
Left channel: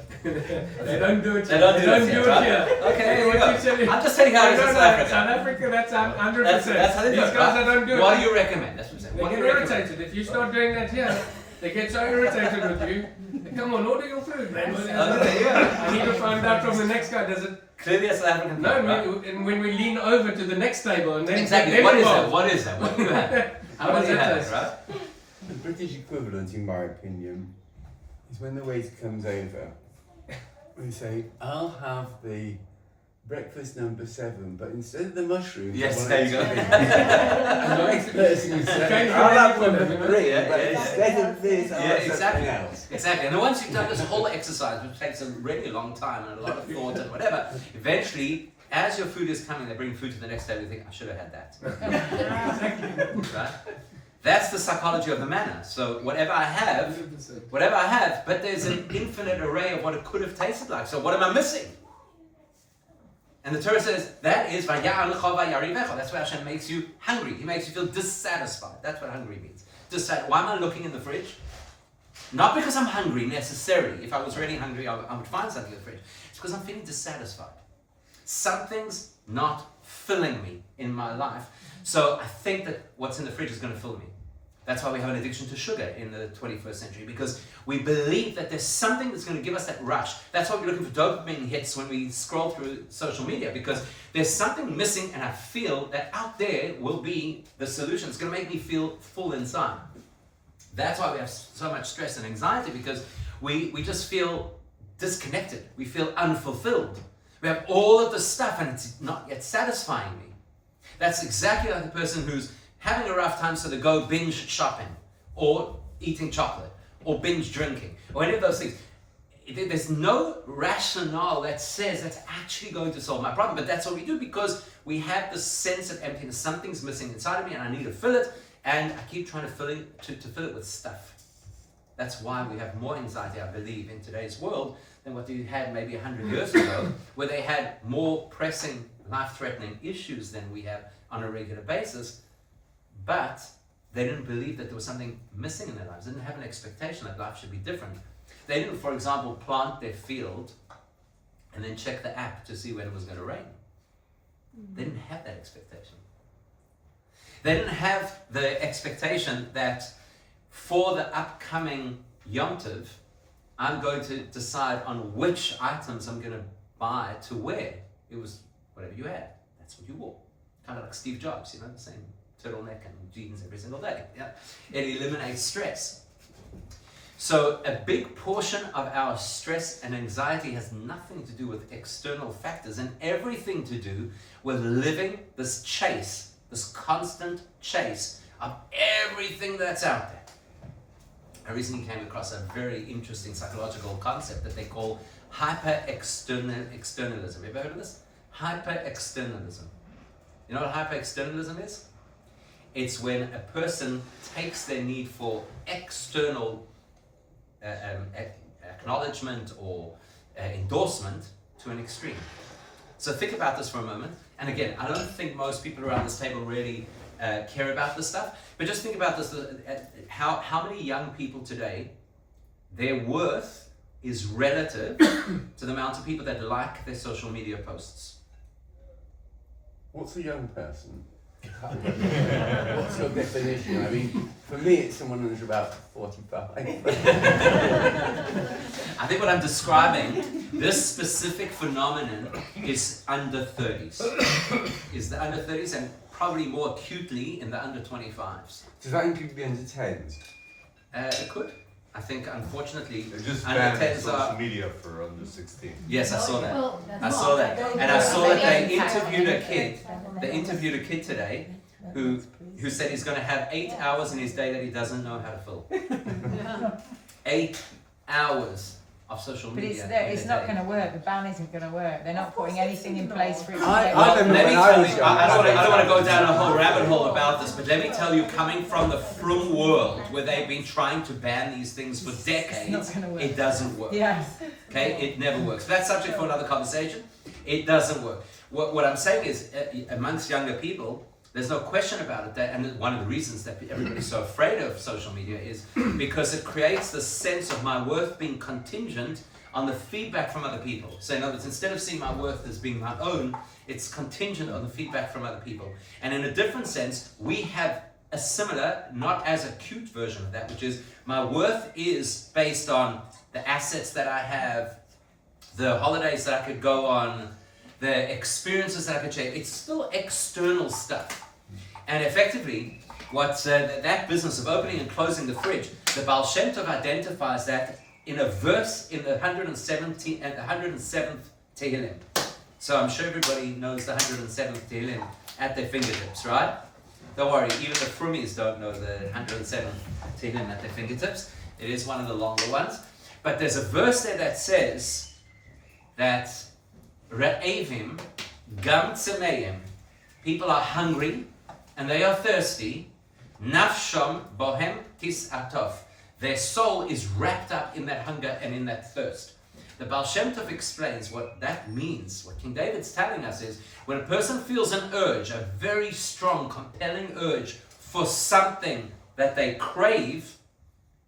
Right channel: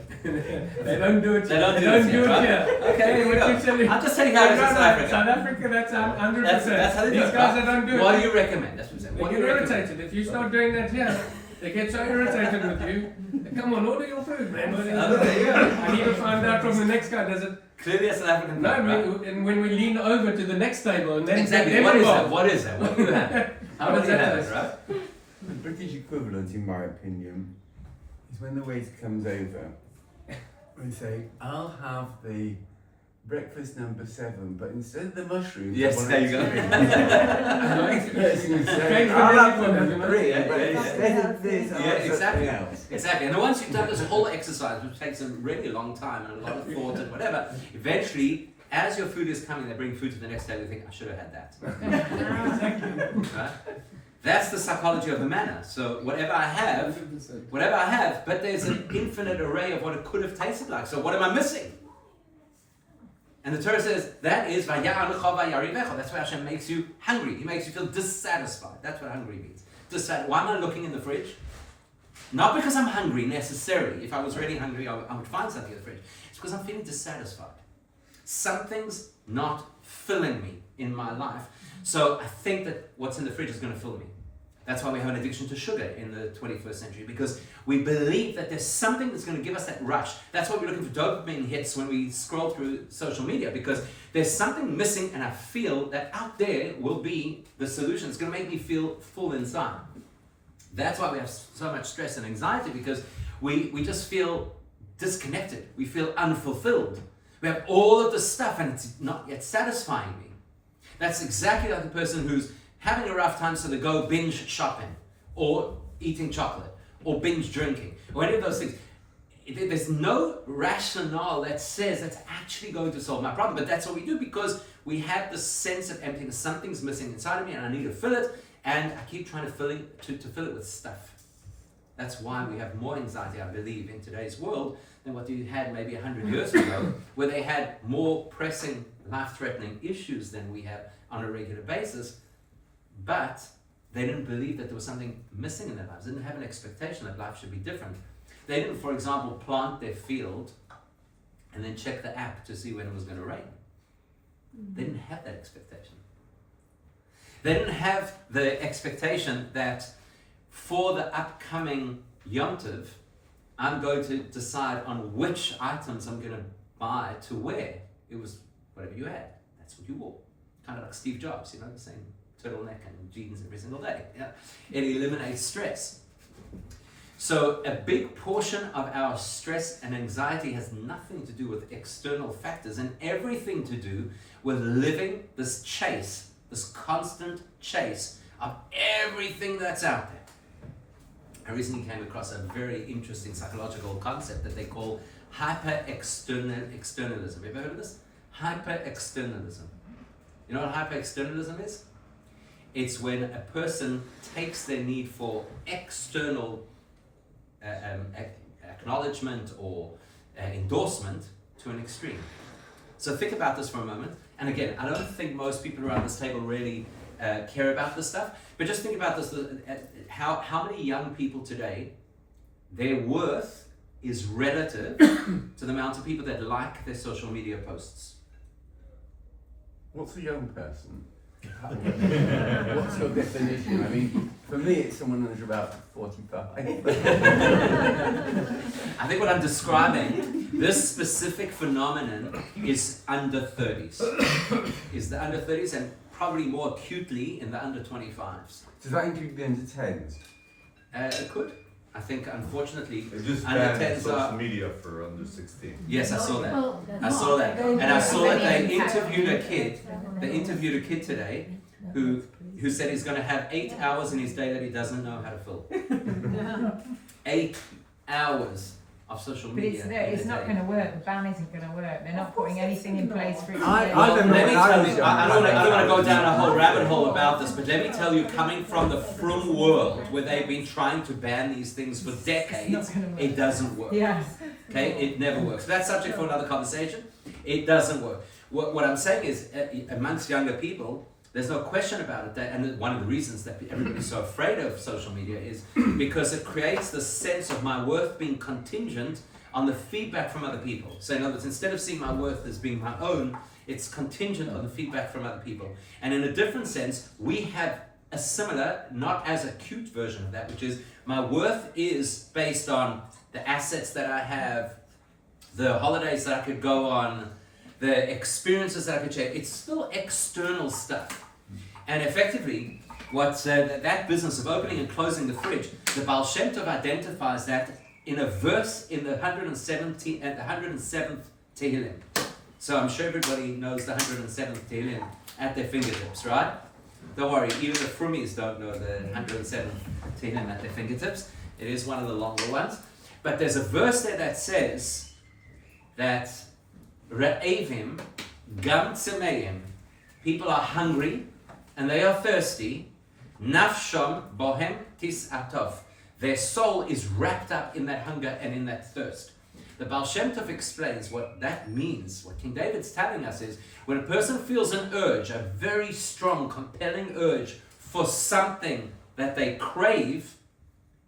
They don't do it. They don't do it here, right? here. Okay, here we What go. you telling- I'm just telling you how it is in South Africa. South Africa, that's 100%. That's how they do These it, guys right? that don't do What it. do you recommend? That's what I'm saying. They What get do you recommend? irritated. If you start doing that here, they get so irritated with you. Come on, order your food, man. There you go. I need to find out from the next guy. Does it? Clearly a South African No, thing, right? and when we lean over to the next table and then Exactly. then What is involved. that? What is that? What do you have? How What do you does that have it, taste? right? The British equivalent, in my opinion, is when the waiter comes over, we say, I'll have the breakfast number 7, but instead of the mushrooms, Yes, I want there you go. it to be-" And the next person would say, Thank you, I'll thank have you for that, number you know. 3, Yeah, but yeah, yeah. instead of this, I'll Yeah, have exactly. something else. Exactly. And then once you've done this whole exercise, which takes a really long time and a lot of thought and whatever, eventually, as your food is coming, they bring food to the next day, you think, I should have had that. Right? That's the psychology of the manna. So whatever I have, but there's an infinite array of what it could have tasted like. So what am I missing? And the Torah says, that is, that's why Hashem makes you hungry. He makes you feel dissatisfied. That's what hungry means. Why am I looking in the fridge? Not because I'm hungry necessarily. If I was really hungry, I would find something in the fridge. It's because I'm feeling dissatisfied. Something's not filling me in my life. So I think that what's in the fridge is going to fill me. That's why we have an addiction to sugar in the 21st century, because we believe that there's something that's going to give us that rush. That's why we're looking for dopamine hits when we scroll through social media, because there's something missing, and I feel that out there will be the solution. It's going to make me feel full inside. That's why we have so much stress and anxiety, because we just feel disconnected. We feel unfulfilled. We have all of the stuff, and it's not yet satisfying me. That's exactly like the person who's having a rough time, so they go binge shopping, or eating chocolate, or binge drinking, or any of those things. There's no rationale that says that's actually going to solve my problem, but that's what we do because we have this sense of emptiness. Something's missing inside of me, and I need to fill it, and I keep trying to fill it with stuff. That's why we have more anxiety, I believe, in today's world than what they had maybe 100 years ago, where they had more pressing, life-threatening issues than we have on a regular basis. But they didn't believe that there was something missing in their lives. They didn't have an expectation that life should be different. They didn't, for example, plant their field and then check the app to see when it was going to rain. They didn't have that expectation. They didn't have the expectation that for the upcoming Yom Tov, I'm going to decide on which items I'm going to buy to wear. It was whatever you had. That's what you wore. Kind of like Steve Jobs, the same turtleneck and jeans every single day. Yeah. It eliminates stress. So a big portion of our stress and anxiety has nothing to do with external factors and everything to do with living this chase, this constant chase of everything that's out there. I recently came across a very interesting psychological concept that they call hyper-externalism. Have you ever heard of this? Hyper-externalism. You know what hyper-externalism is? It's when a person takes their need for external acknowledgement or endorsement to an extreme. So think about this for a moment. And again, I don't think most people around this table really care about this stuff, but just think about this, how many young people today, their worth is relative to the amount of people that like their social media posts. What's a young person? What's your definition? I mean, for me, it's someone who's about 45. I think what I'm describing, this specific phenomenon is under 30s. Is the under 30s and probably more acutely in the under 25s. Does that include the under 10s? It could. I think unfortunately They just under banned 10s social are. media for under 16. Yes, I saw that. Well, I saw that, and I saw that they interviewed a kid. They They interviewed a kid today who said he's going to have 8 hours in his day that he doesn't know how to fill. 8 hours of social But media. it's not going to work. The ban isn't going to work. They're not putting anything in place for it to I Well, don't know let me when I tell was you, young. I don't want to go down a whole rabbit hole about this, but let me tell you, coming from the frum world where they've been trying to ban these things for decades, gonna work. it doesn't work. Yes. Okay, it never works. That's subject for another conversation. It doesn't work. What I'm saying is, amongst younger people, there's no question about it. And one of the reasons that everybody's so afraid of social media is because it creates the sense of my worth being contingent on the feedback from other people. So in other words, instead of seeing my worth as being my own, it's contingent on the feedback from other people. And in a different sense, we have a similar, not as acute version of that, which is my worth is based on the assets that I have, the holidays that I could go on, the experiences that I could share. It's still external stuff. And effectively, what that business of opening and closing the fridge, the Baal Shem Tov identifies that in a verse in the 117th and the 107th Tehillim. So I'm sure everybody knows the 107th Tehillim at their fingertips, right? Don't worry, even the Frumis don't know the 107th Tehillim at their fingertips. It is one of the longer ones. But there's a verse there that says that Re'evim gam tzemeim, people are hungry and they are thirsty. Nafshom bohem tis atov, their soul is wrapped up in that hunger and in that thirst. The Baal Shem Tov explains what that means. What King David's telling us is when a person feels an urge, a very strong, compelling urge for something that they crave,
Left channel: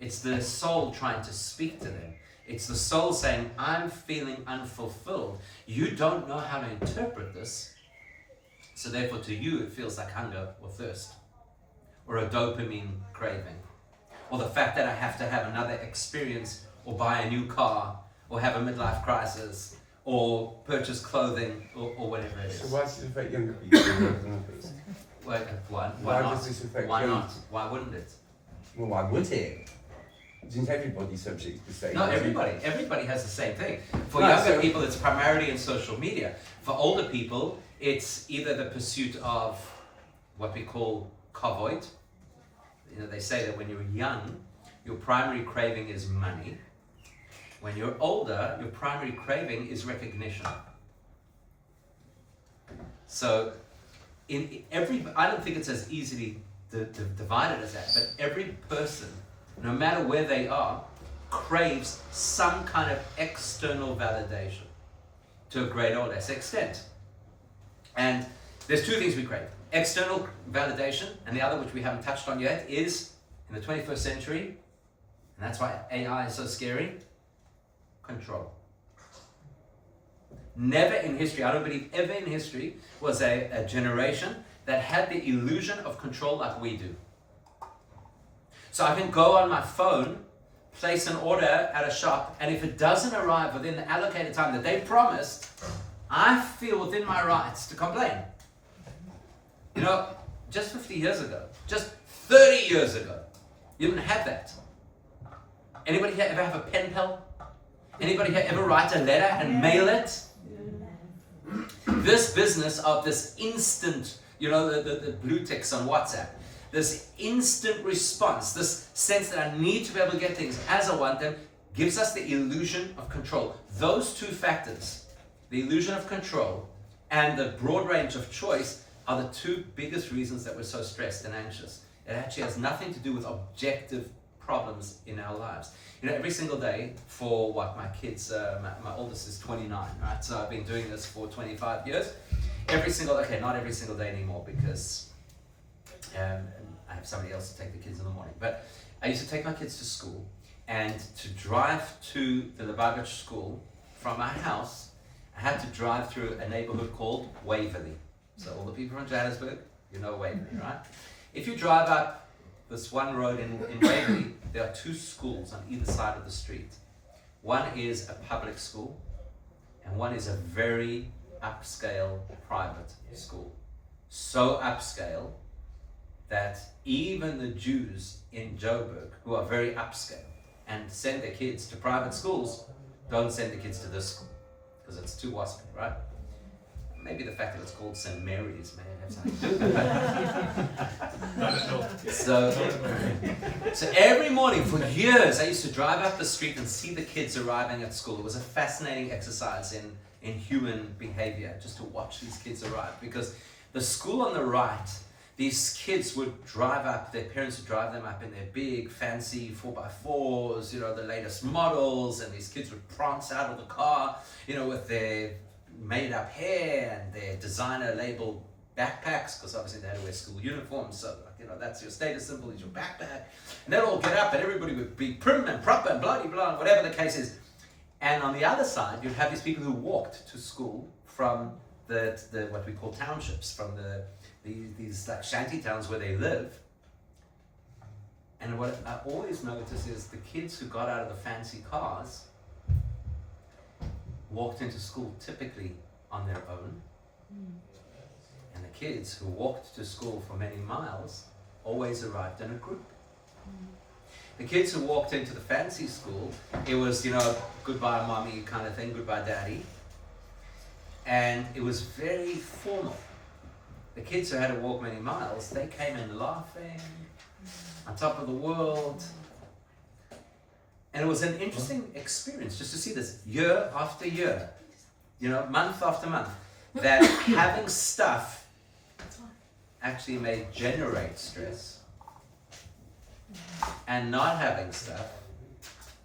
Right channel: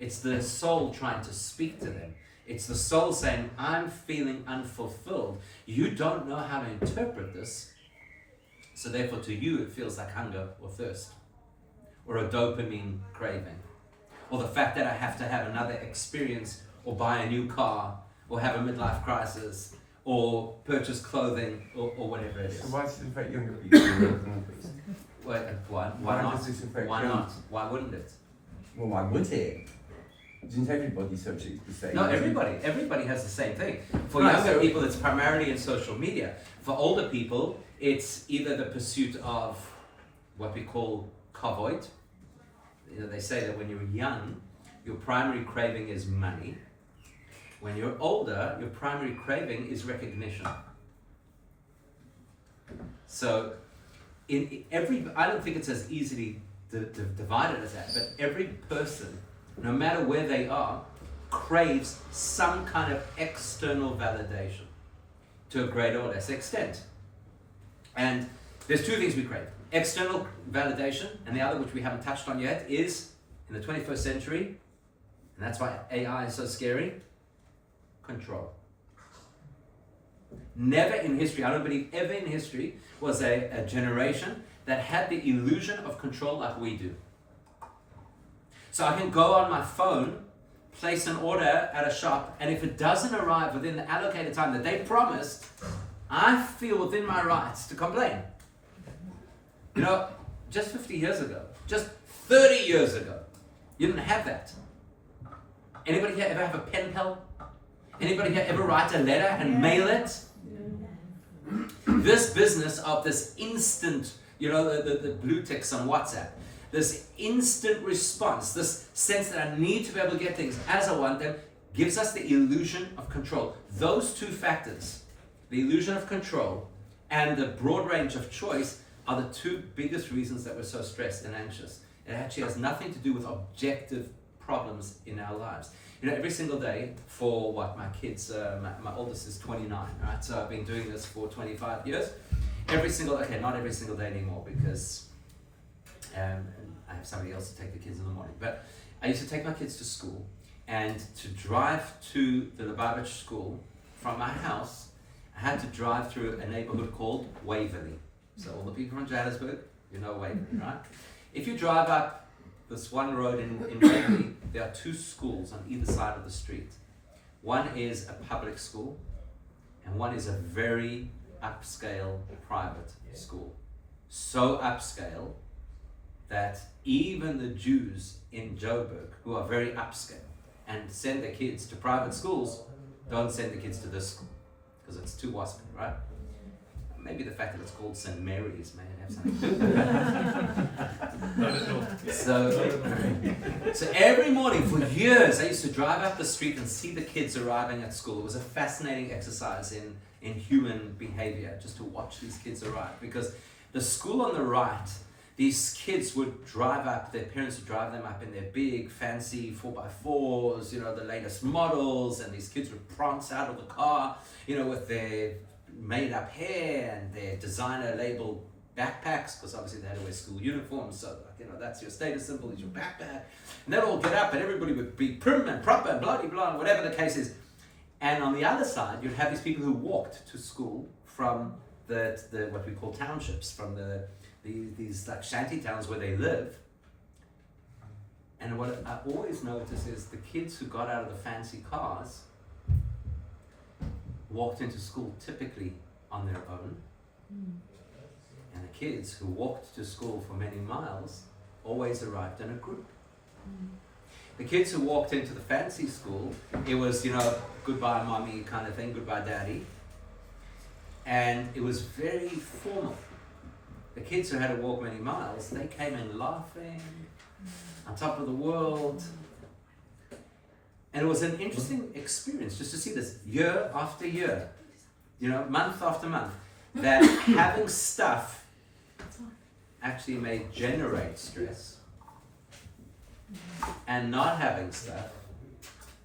it's the soul trying to speak to them. It's the soul saying, I'm feeling unfulfilled. You don't know how to interpret this. So therefore to you it feels like hunger or thirst or a dopamine craving. Or the fact that I have to have another experience or buy a new car or have a midlife crisis or purchase clothing or whatever it is. So why does it affect younger people more than others? Why Why not? does this affect Why young- not? Why wouldn't it? Well, why would it? Isn't everybody subject to the same? No, everybody has the same thing. For Right, younger so- people, it's primarily in social media. For older people, it's either the pursuit of what we call kavod. You know, they say that when you're young, your primary craving is money. When you're older, your primary craving is recognition. So, I don't think it's as easily divided as that, but every person, no matter where they are, craves some kind of external validation to a greater or less extent. And there's two things we crave. External validation, and the other, which we haven't touched on yet, is in the 21st century, and that's why AI is so scary, control. Never in history, I don't believe ever in history, was a generation that had the illusion of control like we do. So I can go on my phone, place an order at a shop, and if it doesn't arrive within the allocated time that they promised, I feel within my rights to complain. You know, just 50 years ago, just 30 years ago, you didn't have that. Anybody here ever have a pen pal? Anybody here ever write a letter and mail it? This business of this instant, you know, the blue ticks on WhatsApp, this instant response, this sense that I need to be able to get things as I want them, gives us the illusion of control. Those two factors, the illusion of control and the broad range of choice, are the two biggest reasons that we're so stressed and anxious. It actually has nothing to do with objective problems in our lives. You know, every single day for what my kids, my oldest is 29, right? So I've been doing this for 25 years. Not every single day anymore because I have somebody else to take the kids in the morning. But I used to take my kids to school, and to drive to the Lubavitch school from my house, I had to drive through a neighborhood called Waverly. So all the people from Johannesburg, you know Waverly, right? If you drive up this one road in Waverly, there are two schools on either side of the street. One is a public school, and one is a very upscale private school. So upscale that even the Jews in Joburg, who are very upscale, and send their kids to private schools, don't send the kids to this school because it's too waspy, right? Maybe the fact that it's called St. Mary's may have something to do with that. Not at all. So every morning for years, I used to drive up the street and see the kids arriving at school. It was a fascinating exercise in human behavior, just to watch these kids arrive. Because the school on the right, these kids would drive up, their parents would drive them up in their big, fancy 4x4s, you know, the latest models, and these kids would prance out of the car, you know, with their made up hair and their designer labeled backpacks, because obviously they had to wear school uniforms, so like, you know, that's your status symbol, is your backpack. And they'd all get up and everybody would be prim and proper and blah blah, whatever the case is. And on the other side, you'd have these people who walked to school from the what we call townships, from these like shanty towns where they live. And what I always notice is the kids who got out of the fancy cars walked into school typically on their own, and the kids who walked to school for many miles always arrived in a group. The kids who walked into the fancy school, it was, you know, goodbye mommy kind of thing, goodbye daddy, and it was very formal. The kids who had to walk many miles, they came in laughing, on top of the world. And it was an interesting experience just to see this year after year, you know, month after month, that having stuff actually may generate stress, and not having stuff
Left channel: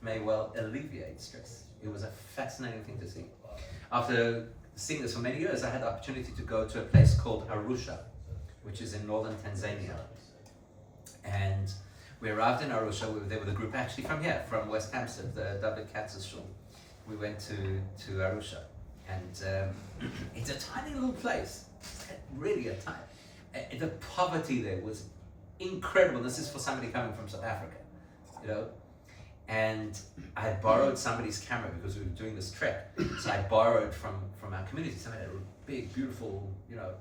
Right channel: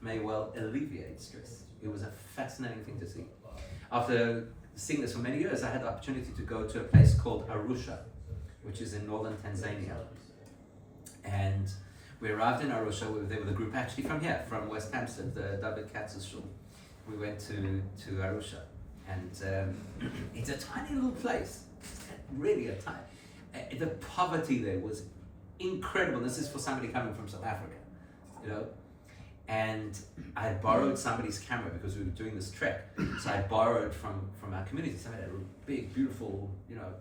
may well alleviate stress. It was a fascinating thing to see. After seeing this for many years, I had the opportunity to go to a place called Arusha, which is in northern Tanzania. And we arrived in Arusha. We were there with a group actually from here, from West Hampstead, the David Katz's shul. We went to Arusha, and it's a tiny little place, really a tiny. The poverty there was incredible. This is for somebody coming from South Africa, you know. And I had borrowed somebody's camera because we were doing this trek. So I borrowed from our community. Somebody had a big, beautiful, you know,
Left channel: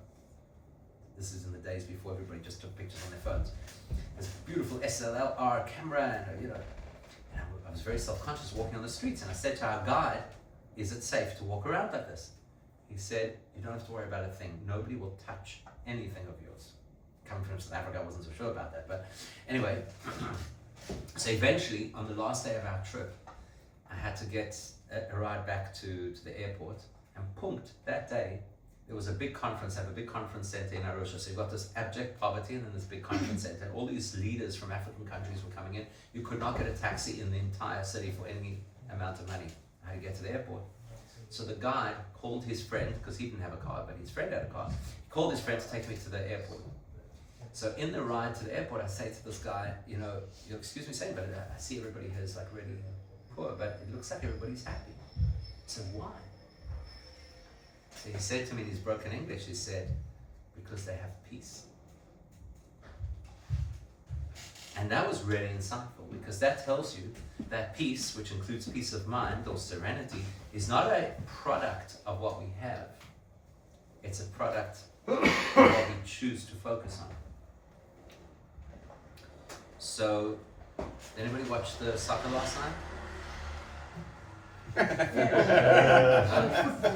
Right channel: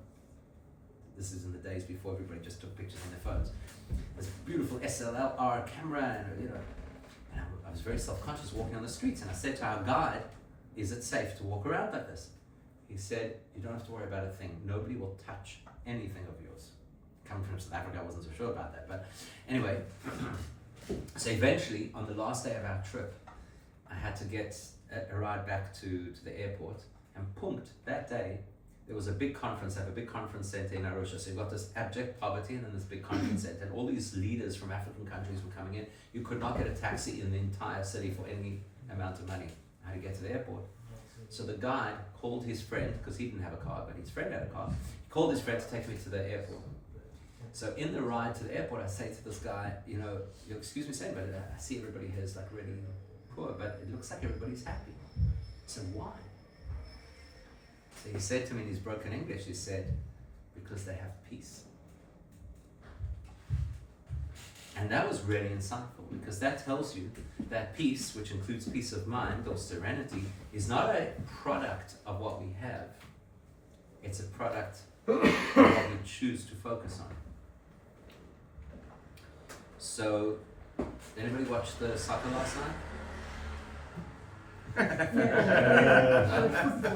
this is in the days before everybody just took pictures on their phones. This beautiful SLR camera, and you know, and I was very self-conscious walking on the streets. And I said to our guide, "Is it safe to walk around like this?" He said, "You don't have to worry about a thing. Nobody will touch anything of yours." Coming from South Africa, I wasn't so sure about that, but anyway. So eventually, on the last day of our trip, I had to get a ride back to the airport, and punkt, that day, there was a big conference. I have a big conference center in Arusha. So you've got this abject poverty and then this big conference center, and all these leaders from African countries were coming in. You could not get a taxi in the entire city for any amount of money. I had to get to the airport. So the guide called his friend, because he didn't have a car, but his friend had a car. He called his friend to take me to the airport. So in the ride to the airport, I say to this guy, you know, excuse me saying, but I see everybody here is like really poor, but it looks like everybody's happy. So why? So he said to me in his broken English, he said, because they have peace. And that was really insightful, because that tells you that peace, which includes peace of mind or serenity, is not a product of what we have. It's a product of what we choose to focus on. So, did anybody watch the soccer last night?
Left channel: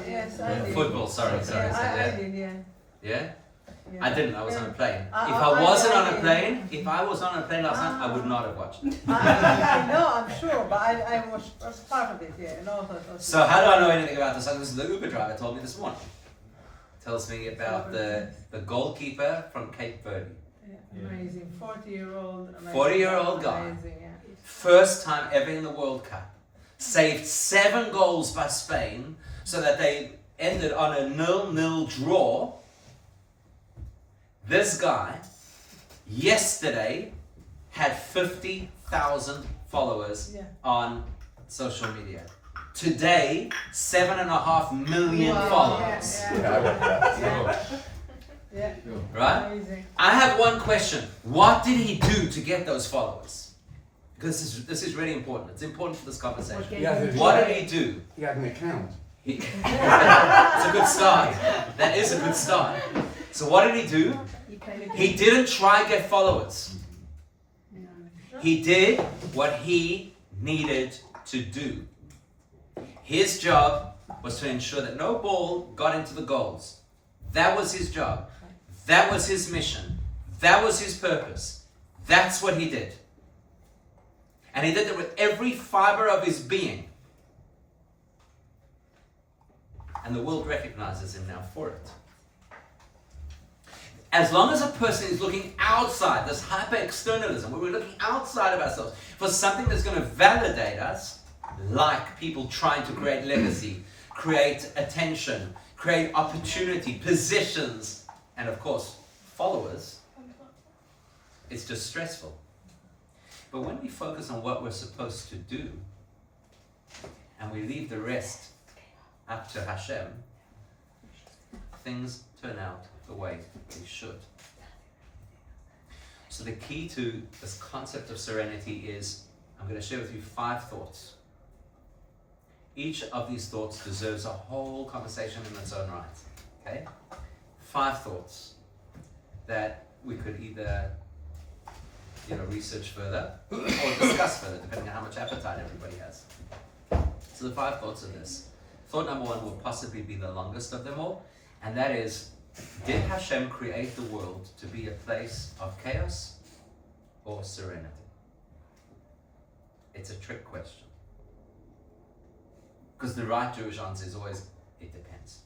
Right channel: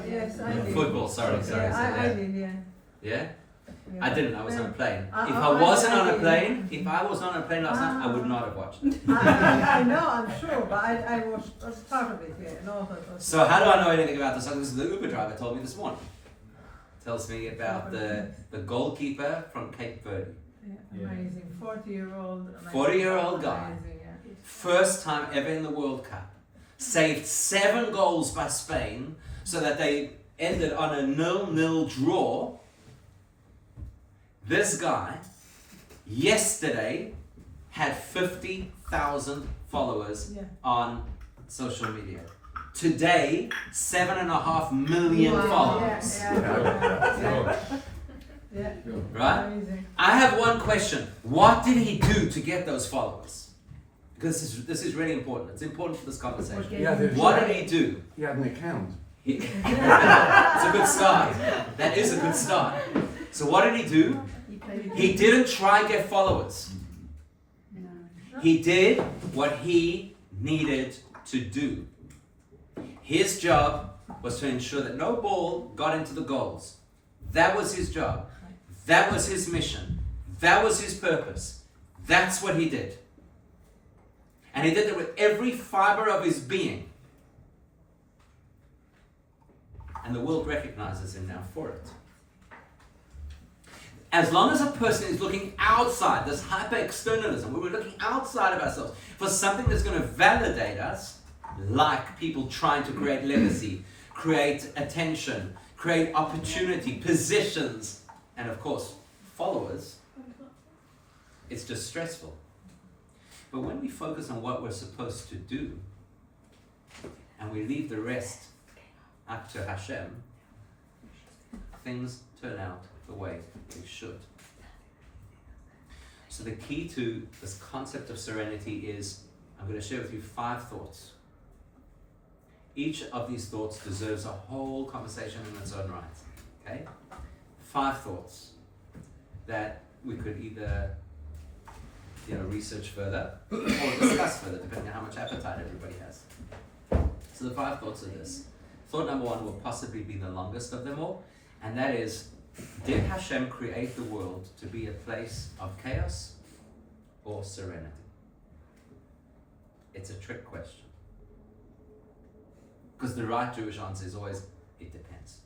Yes, I did. Football, sorry. Yeah, I did, yeah. Yeah? Yeah. I didn't, I was on a plane. If I I wasn't on a did. plane, if I was on a plane last night, I would not have watched it. I know, I'm sure, but I was part of it, yeah. And also it was So how do I know anything about the soccer? This is the Uber driver told me this morning. Tells me about the goalkeeper from Cape Verde. yeah, amazing. 40-year-old. 40-year-old guy. Amazing, yeah. First time ever in the World Cup. Saved 7 goals by Spain so that they ended on a 0-0 draw. This guy, yesterday, had 50,000 followers Yeah. on social media. Today, 7.5 million Wow, followers. Yeah. Right? Amazing. I have one question. What did he do to get those followers? Because this is really important. It's important for this conversation. Yeah. What did he do? He had an account. It's a good start. That is a good start. So what did he do? He didn't try to get followers. He did what he needed to do. His job was to ensure that no ball got into the goals. That was his job. That was his mission. That was his purpose. That's what he did. And he did it with every fiber of his being. And the world recognizes him now for it. As long as a person is looking outside, this hyper-externalism, where we're looking outside of ourselves for something that's going to validate us, like people trying to create legacy, create attention, create opportunity, positions, and of course, followers, it's just stressful. But when we focus on what we're supposed to do, and we leave the rest up to Hashem, things turn out the way they should. So the key to this concept of serenity is, I'm going to share with you 5 thoughts. Each of these thoughts deserves a whole conversation in its own right. Okay? 5 thoughts that we could either research further or discuss further, depending on how much appetite everybody has. So the 5 thoughts are this. Thought number 1 will possibly be the longest of them all, and that is, did Hashem create the world to be a place of chaos or serenity? It's a trick question. Because the right Jewish answer is always, it depends.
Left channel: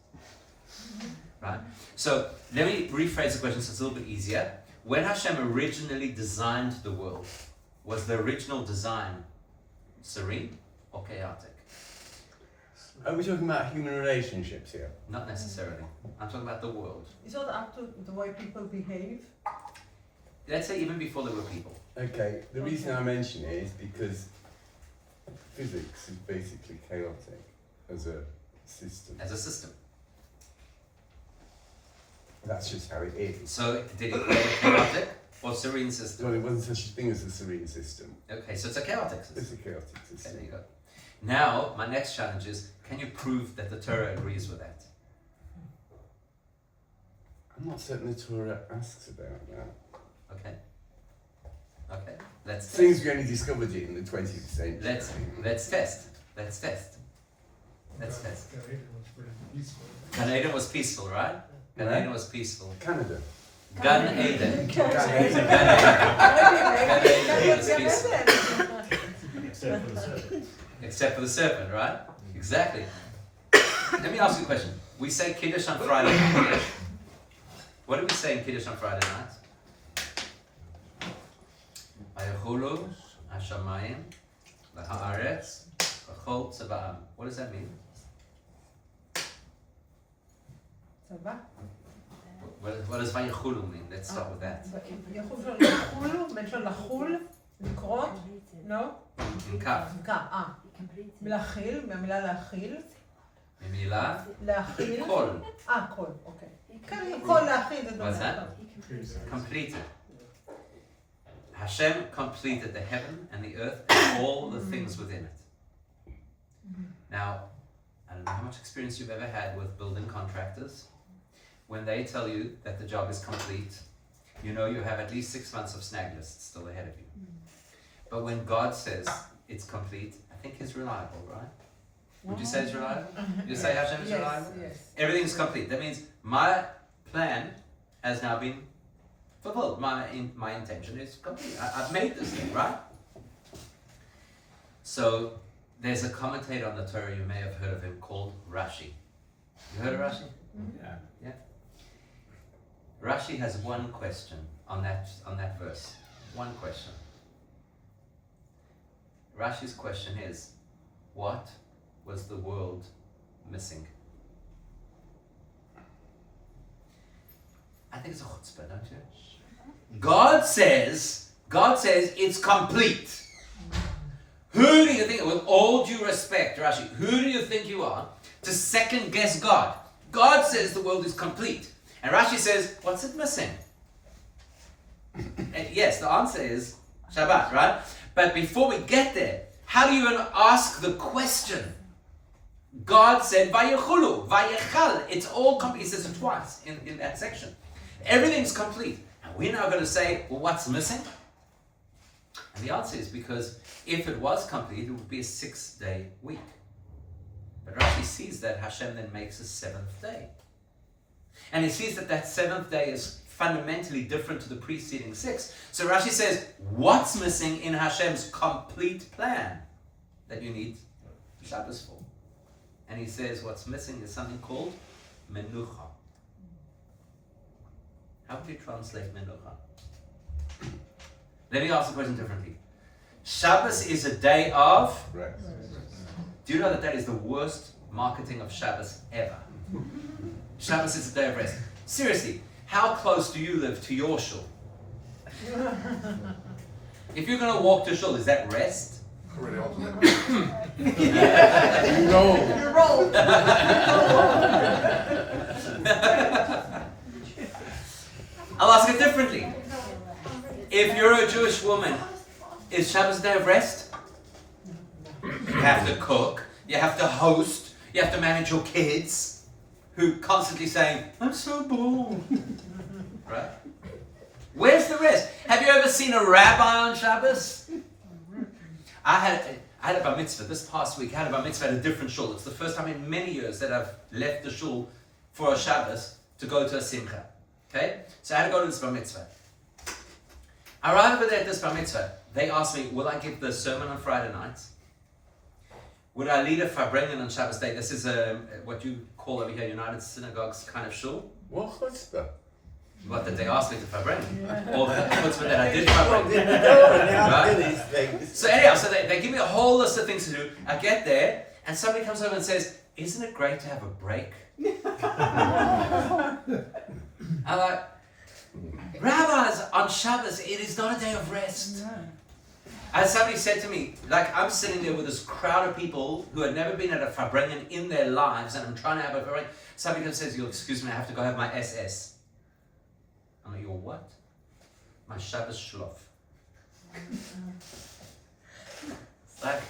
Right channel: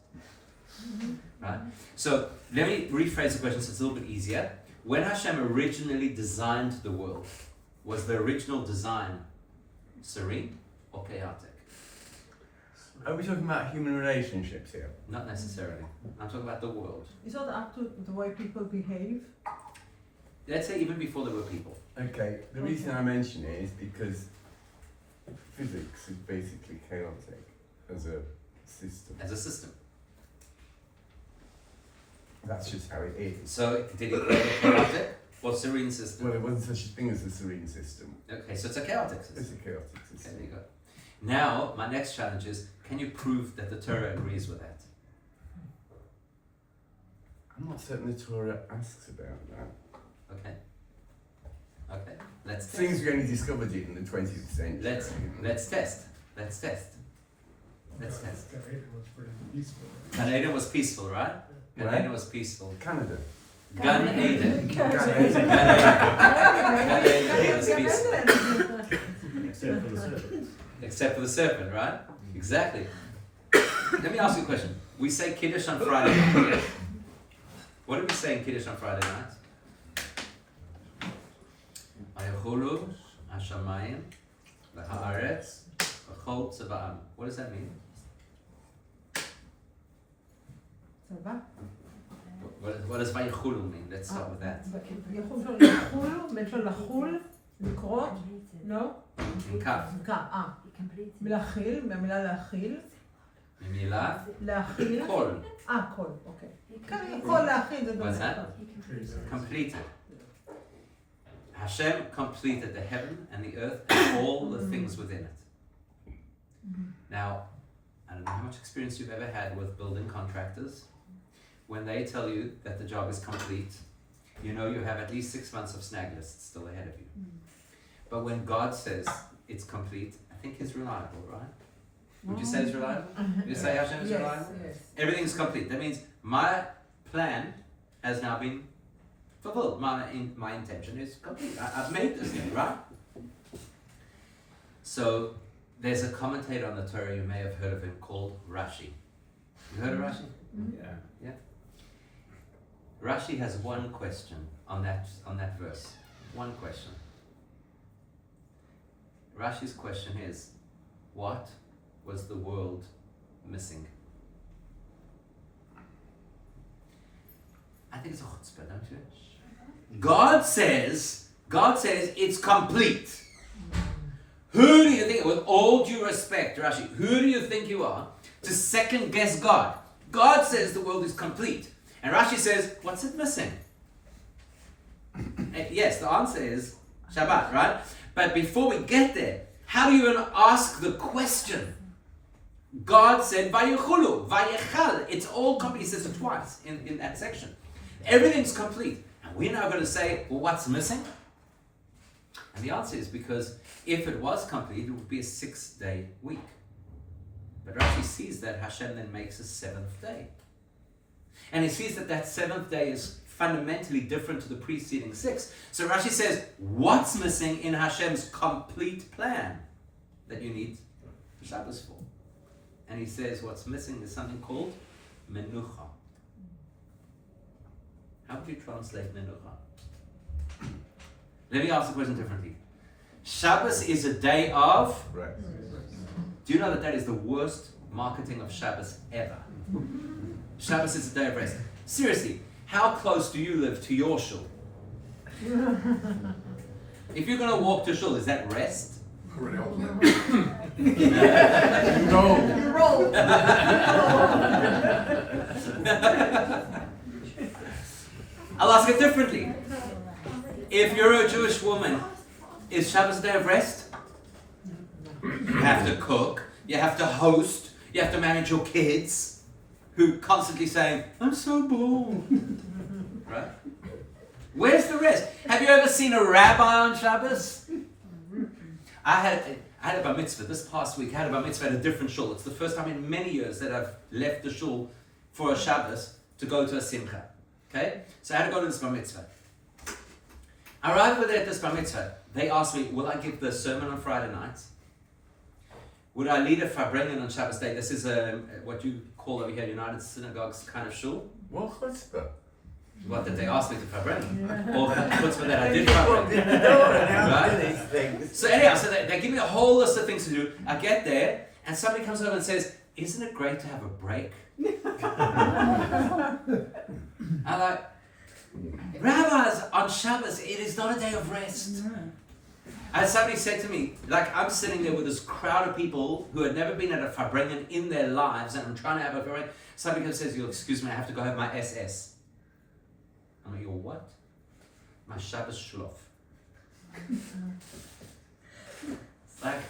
Right? So let me rephrase the question so it's a little bit easier. When Hashem originally designed the world, was the original design serene or chaotic? Are we talking about human relationships here? Not necessarily. I'm talking about the world. It's not up to the way people behave. Let's say even before there were people. Okay, the reason I mention it is because physics is basically chaotic as a system. As a system. That's just how it is. So did he create a chaotic or serene system? Well, there wasn't such a thing as a serene system. Okay, so it's a chaotic system. It's a chaotic system. Okay, there you go. Now, my next challenge is, can you prove that the Torah agrees with that? I'm not certain the Torah asks about that. Okay. Okay. Let's test. Things we only discovered it in the 20th century. Let's test. Let's test. Let's test. It was pretty peaceful. Gan Eden was peaceful, right? Gan Yeah. Eden was peaceful. Canada. Gan Eden. Gan Eden was peaceful. Except for the serpent. Except for the serpent, right? Exactly. Let me ask you a question. We say Kiddush on Friday night. What do we say in Kiddush on Friday night? Vayachulu hashamayim v'haaretz v'chol tzava'am. What does that mean? What does Vayachulu mean? Let's start with that. לקרות? לא? In Kaf. מלהכיל, מהמילה להכיל. ממילה? להכיל. כל. כל, אוקיי. כל להכיל זה What's that? Completed. Hashem completed the heaven and the earth and all the things within it. Now, I don't know how much experience you've ever had with building contractors. When they tell you that the job is complete, you know you have at least 6 months of snag lists still ahead of you. But when God says it's complete, I think He's reliable, right? Would you say He's reliable? Would you say Hashem is reliable? Yes. Everything is complete. That means my plan has now been fulfilled. My intention is complete. I've made this thing, right? So there's a commentator on the Torah, you may have heard of him, called Rashi. You heard of Rashi? Yeah. Rashi has one question on that verse. One question. Rashi's question is, what was the world missing? I think it's a chutzpah, don't you? God says it's complete. Who do you think, with all due respect, Rashi, who do you think you are to second guess God? God says the world is complete. And Rashi says, what's it missing? Yes, the answer is Shabbat, right? But before we get there, how do you even ask the question? God said, Vayechulu, Vayechal. It's all complete. He says it twice in that section. Everything's complete. And we're now going to say, well, what's missing? And the answer is because if it was complete, it would be a 6-day week. But Rashi sees that Hashem then makes a 7th day. And he sees that that 7th day is fundamentally different to the preceding 6. So Rashi says, what's missing in Hashem's complete plan that you need Shabbos for? And he says what's missing is something called menucha. How would you translate menucha? Let me ask the question differently. Shabbos is a day of... Right. Do you know that is the worst marketing of Shabbos ever? Shabbos is a day of rest. Seriously, how close do you live to your shul? If you're going to walk to shul, is that rest? Really awesome. You roll. I'll ask it differently. If you're a Jewish woman, is Shabbos a day of rest? You have to cook, you have to host, you have to manage your kids who constantly saying, I'm so bored. Right? Where's the rest? Have you ever seen a rabbi on Shabbos? I had a bar mitzvah this past week. I had a bar mitzvah at a different shul. It's the first time in many years that I've left the shul for a Shabbos to go to a simcha. Okay? So I had to go to this bar mitzvah. I arrived with it at this bar mitzvah. They asked me, will I give the sermon on Friday nights? Would I lead a farbrengen on Shabbos day? This is what you call over here United Synagogues kind of shul. What chutzpah? What, that they asked me to farbrengen? Or the chutzpah that I did farbrengen? Right? So anyhow, so they give me a whole list of things to do. I get there, and somebody comes over and says, isn't it great to have a break? I'm like, rabbis, on Shabbos, it is not a day of rest. And somebody said to me, like, I'm sitting there with this crowd of people who had never been at a farbrengen in their lives, and I'm trying to have a farbrengen. Somebody comes and says, you'll excuse me, I have to go have my SS. I'm like, your what? My Shabbos shlof. Like,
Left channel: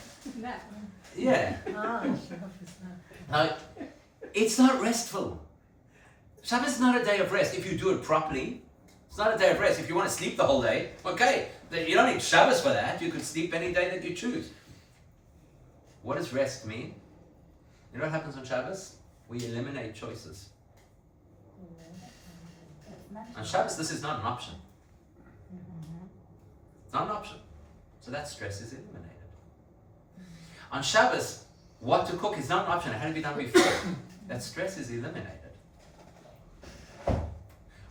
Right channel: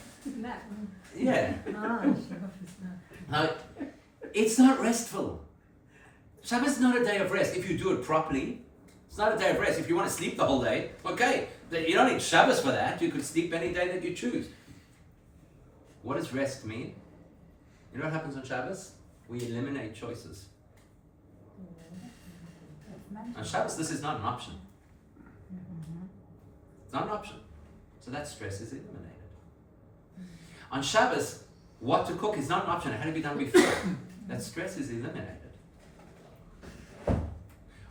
yeah. Like, it's not restful. Shabbos is not a day of rest. If you do it properly, it's not a day of rest. If you want to sleep the whole day, okay. You don't need Shabbos for that. You could sleep any day that you choose. What does rest mean? You know what happens on Shabbos? We eliminate choices. On Shabbos, this is not an option. It's not an option. So that stress is eliminated. On Shabbos, what to cook is not an option. It had to be done before. That stress is eliminated.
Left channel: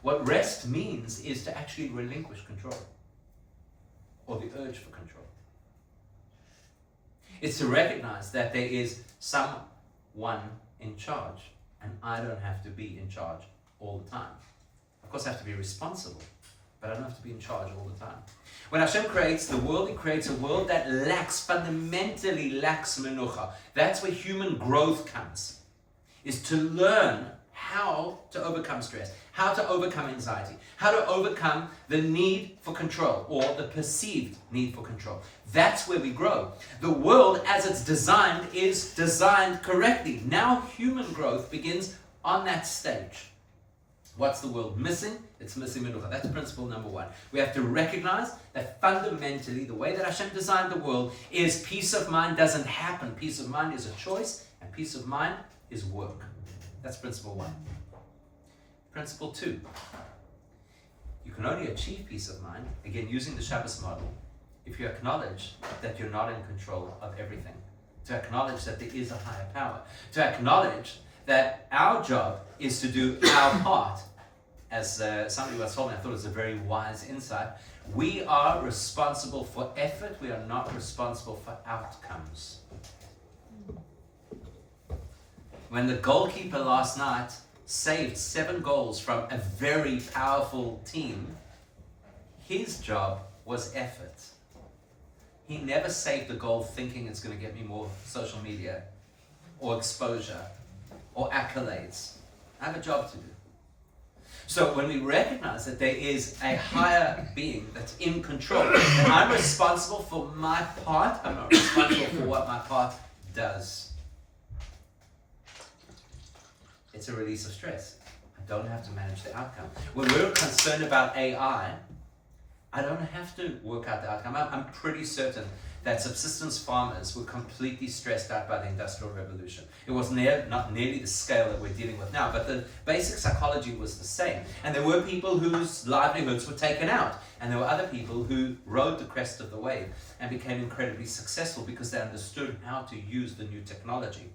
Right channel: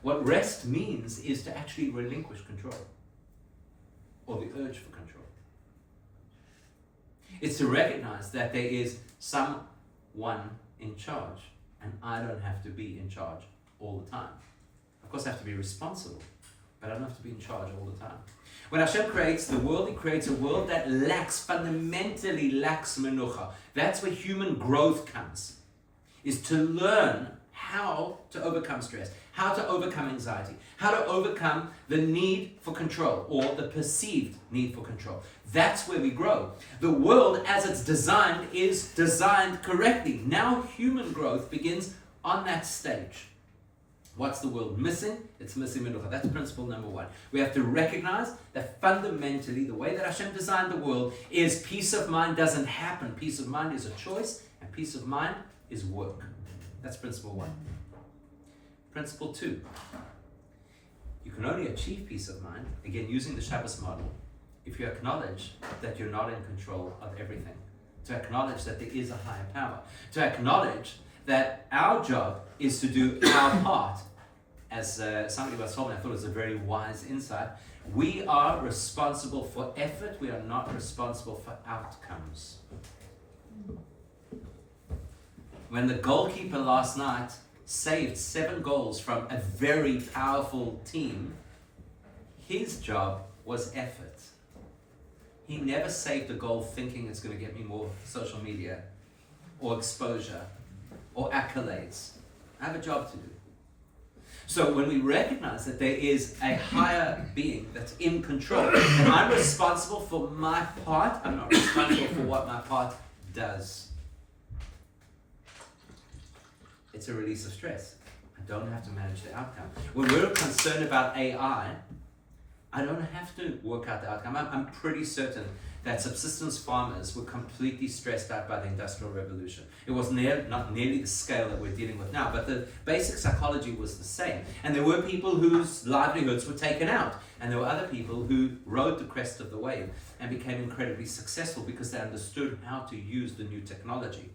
What rest means is to actually relinquish control, or the urge for control. It's to recognize that there is someone in charge, and I don't have to be in charge all the time. Of course, I have to be responsible, but I don't have to be in charge all the time. When Hashem creates the world, He creates a world that fundamentally lacks menucha. That's where human growth comes, is to learn how to overcome stress, how to overcome anxiety, how to overcome the need for control, or the perceived need for control. That's where we grow. The world, as it's designed, is designed correctly. Now human growth begins on that stage. What's the world missing? It's missing menucha. That's principle number 1. We have to recognize that fundamentally the way that Hashem designed the world is peace of mind doesn't happen. Peace of mind is a choice, and peace of mind is work. That's principle 1. Principle 2. You can only achieve peace of mind, again using the Shabbos model, if you acknowledge that you're not in control of everything. To acknowledge that there is a higher power. To acknowledge that our job is to do our part. As somebody was told me, I thought it was a very wise insight. We are responsible for effort. We are not responsible for outcomes. When the goalkeeper last night saved 7 goals from a very powerful team, his job was effort. He never saved a goal thinking it's going to get me more social media or exposure or accolades. I have a job to do. So when we recognize that there is a higher being that's in control, and I'm responsible for my part, I'm not responsible for what my part does. It's a release of stress. I don't have to manage the outcome. When we're concerned about AI, I don't have to work out the outcome. I'm pretty certain that subsistence farmers were completely stressed out by the Industrial Revolution. It was not nearly the scale that we're dealing with now, but the basic psychology was the same. And there were people whose livelihoods were taken out, and there were other people who rode the crest of the wave and became incredibly successful because they understood how to use the new technology.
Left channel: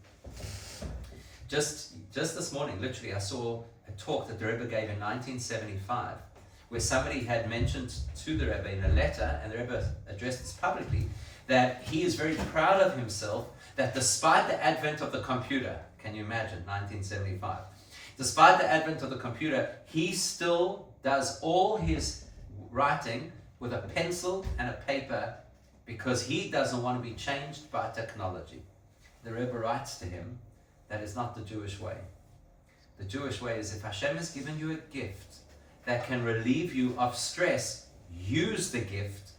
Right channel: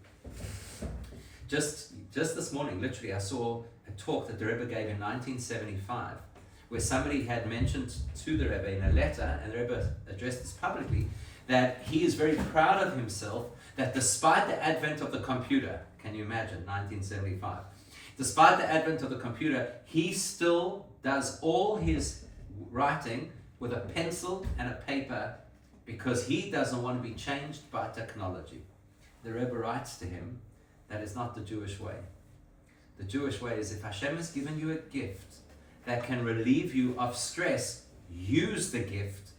Just this morning, literally, I saw a talk that the Rebbe gave in 1975, where somebody had mentioned to the Rebbe in a letter, and the Rebbe addressed this publicly, that he is very proud of himself that despite the advent of the computer, can you imagine, 1975, despite the advent of the computer, he still does all his writing with a pencil and a paper because he doesn't want to be changed by technology. The Rebbe writes to him, that is not the Jewish way. The Jewish way is if Hashem has given you a gift that can relieve you of stress, use the gift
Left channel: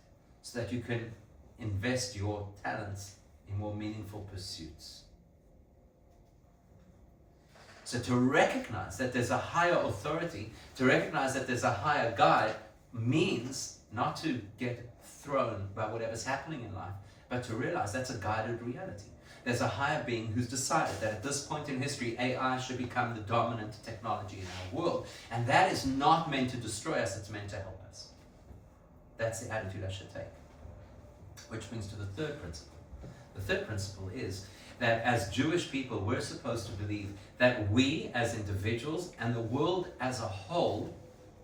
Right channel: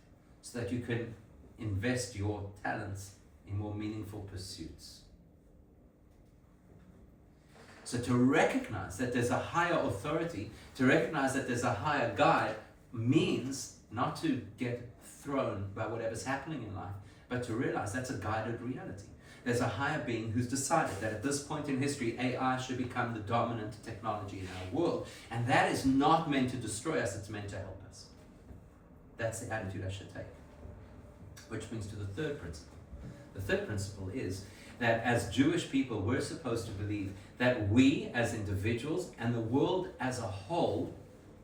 so that you can invest your talents in more meaningful pursuits. So to recognize that there's a higher authority, to recognize that there's a higher guide, means not to get thrown by whatever's happening in life, but to realize that's a guided reality. There's a higher being who's decided that at this point in history, AI should become the dominant technology in our world. And that is not meant to destroy us, it's meant to help us. That's the attitude I should take. Which brings to the third principle. The third principle is that as Jewish people, we're supposed to believe that we as individuals and the world as a whole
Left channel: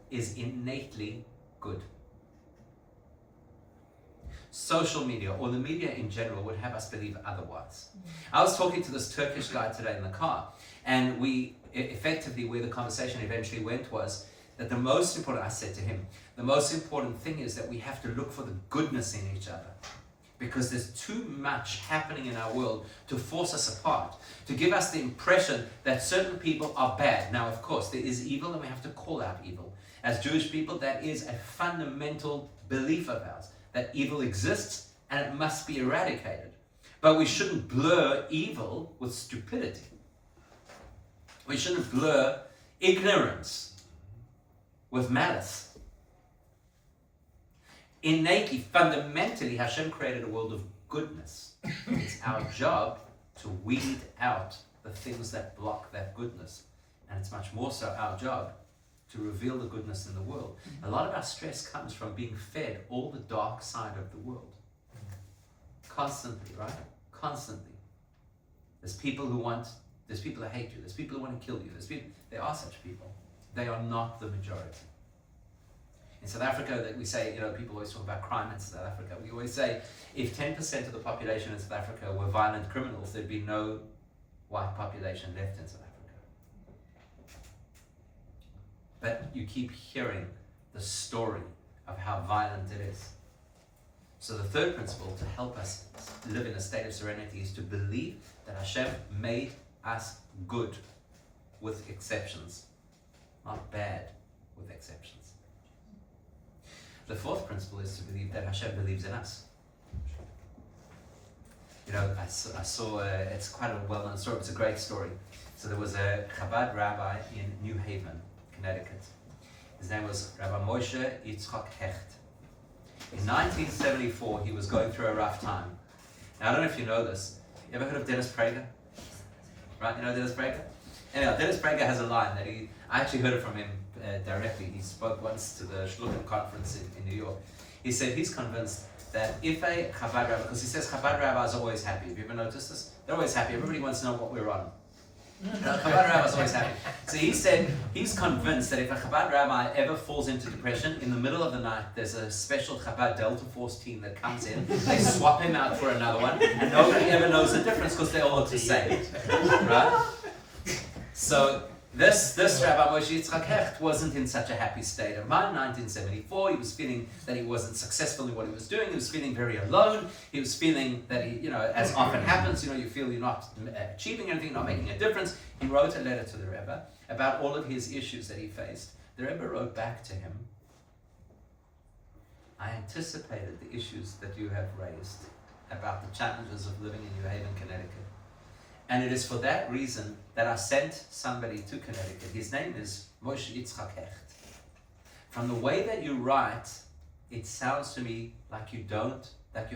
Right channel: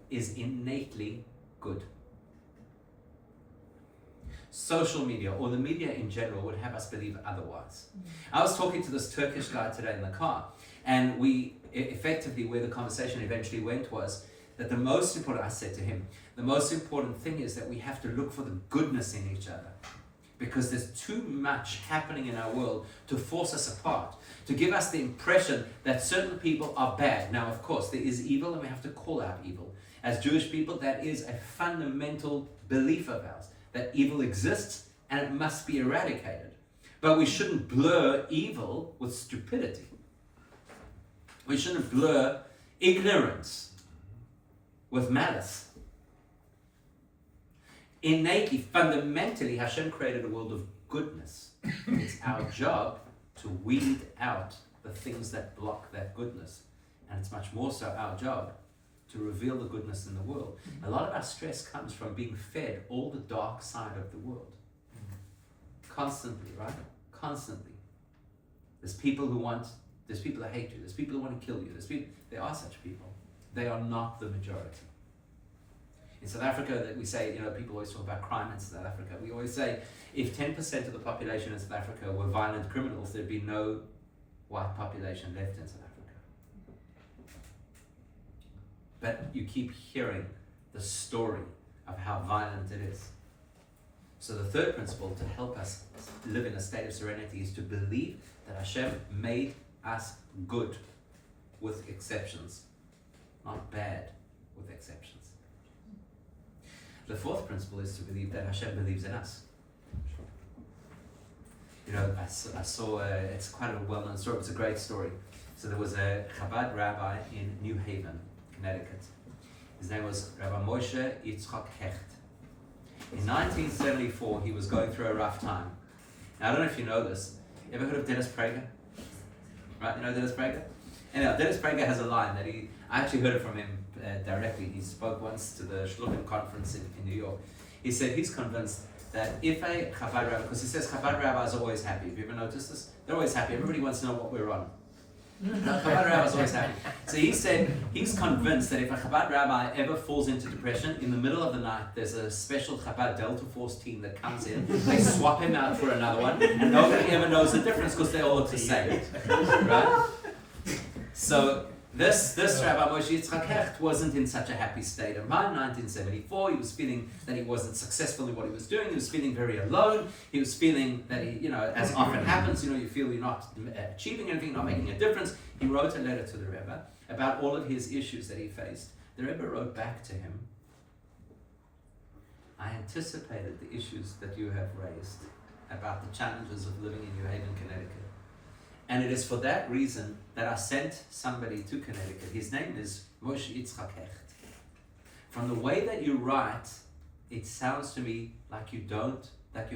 is innately good. Social media, or the media in general, would have us believe otherwise. I was talking to this Turkish guy today in the car, and we effectively, where the conversation eventually went was that the most important, I said to him, the most important thing is that we have to look for the goodness in each other. Because there's too much happening in our world to force us apart, to give us the impression that certain people are bad. Now, of course, there is evil and we have to call out evil. As Jewish people, that is a fundamental belief of ours, that evil exists and it must be eradicated. But we shouldn't blur evil with stupidity. We shouldn't blur ignorance with malice. Innately, fundamentally, Hashem created a world of goodness. It's our job to weed out the things that block that goodness. And it's much more so our job to reveal the goodness in the world. A lot of our stress comes from being fed all the dark side of the world. Constantly, right? Constantly. There's people who hate you. There's people who want to kill you. There are such people. They are not the majority. In South Africa, that we say, people always talk about crime in South Africa. We always say, if 10% of the population in South Africa were violent criminals, there'd be no white population left in South Africa. But you keep hearing the story of how violent it is. So the third principle to help us live in a state of serenity is to believe that Hashem made us good with exceptions, not bad with exceptions. The fourth principle is to believe that Hashem believes in us. I saw, it's quite a well-known story, it's a great story. So there was a Chabad rabbi in New Haven, Connecticut. His name was Rabbi Moshe Yitzchak Hecht. In 1974, he was going through a rough time. Now, I don't know if you know this. You ever heard of Dennis Prager? Right, you know Dennis Prager? Anyhow, Dennis Prager has a line that I actually heard it from him directly. He spoke once to the Shluchim conference in New York. He said he's convinced that if a Chabad rabbi, because he says Chabad rabbis are always happy. Have you ever noticed this? They're always happy. Everybody wants to know what we're on. Chabad rabbi is always happy. So he said he's convinced that if a Chabad rabbi ever falls into depression, in the middle of the night, there's a special Chabad Delta Force team that comes in, they swap him out for another one, and nobody ever knows the difference because they all look the same. Right? So this Rabbi Moshe Yitzchak Hecht wasn't in such a happy state of mind. 1974, he was feeling that he wasn't successful in what he was doing. He was feeling very alone. He was feeling that he, as often happens, you feel you're not achieving anything, not making a difference. He wrote a letter to the Rebbe about all of his issues that he faced. The Rebbe wrote back to him, I anticipated the issues that you have raised about the challenges of living in New Haven, Connecticut. And it is for that reason that I sent somebody to Connecticut. His name is Moshe Yitzchak Hecht. From the way that you write, it sounds to me like you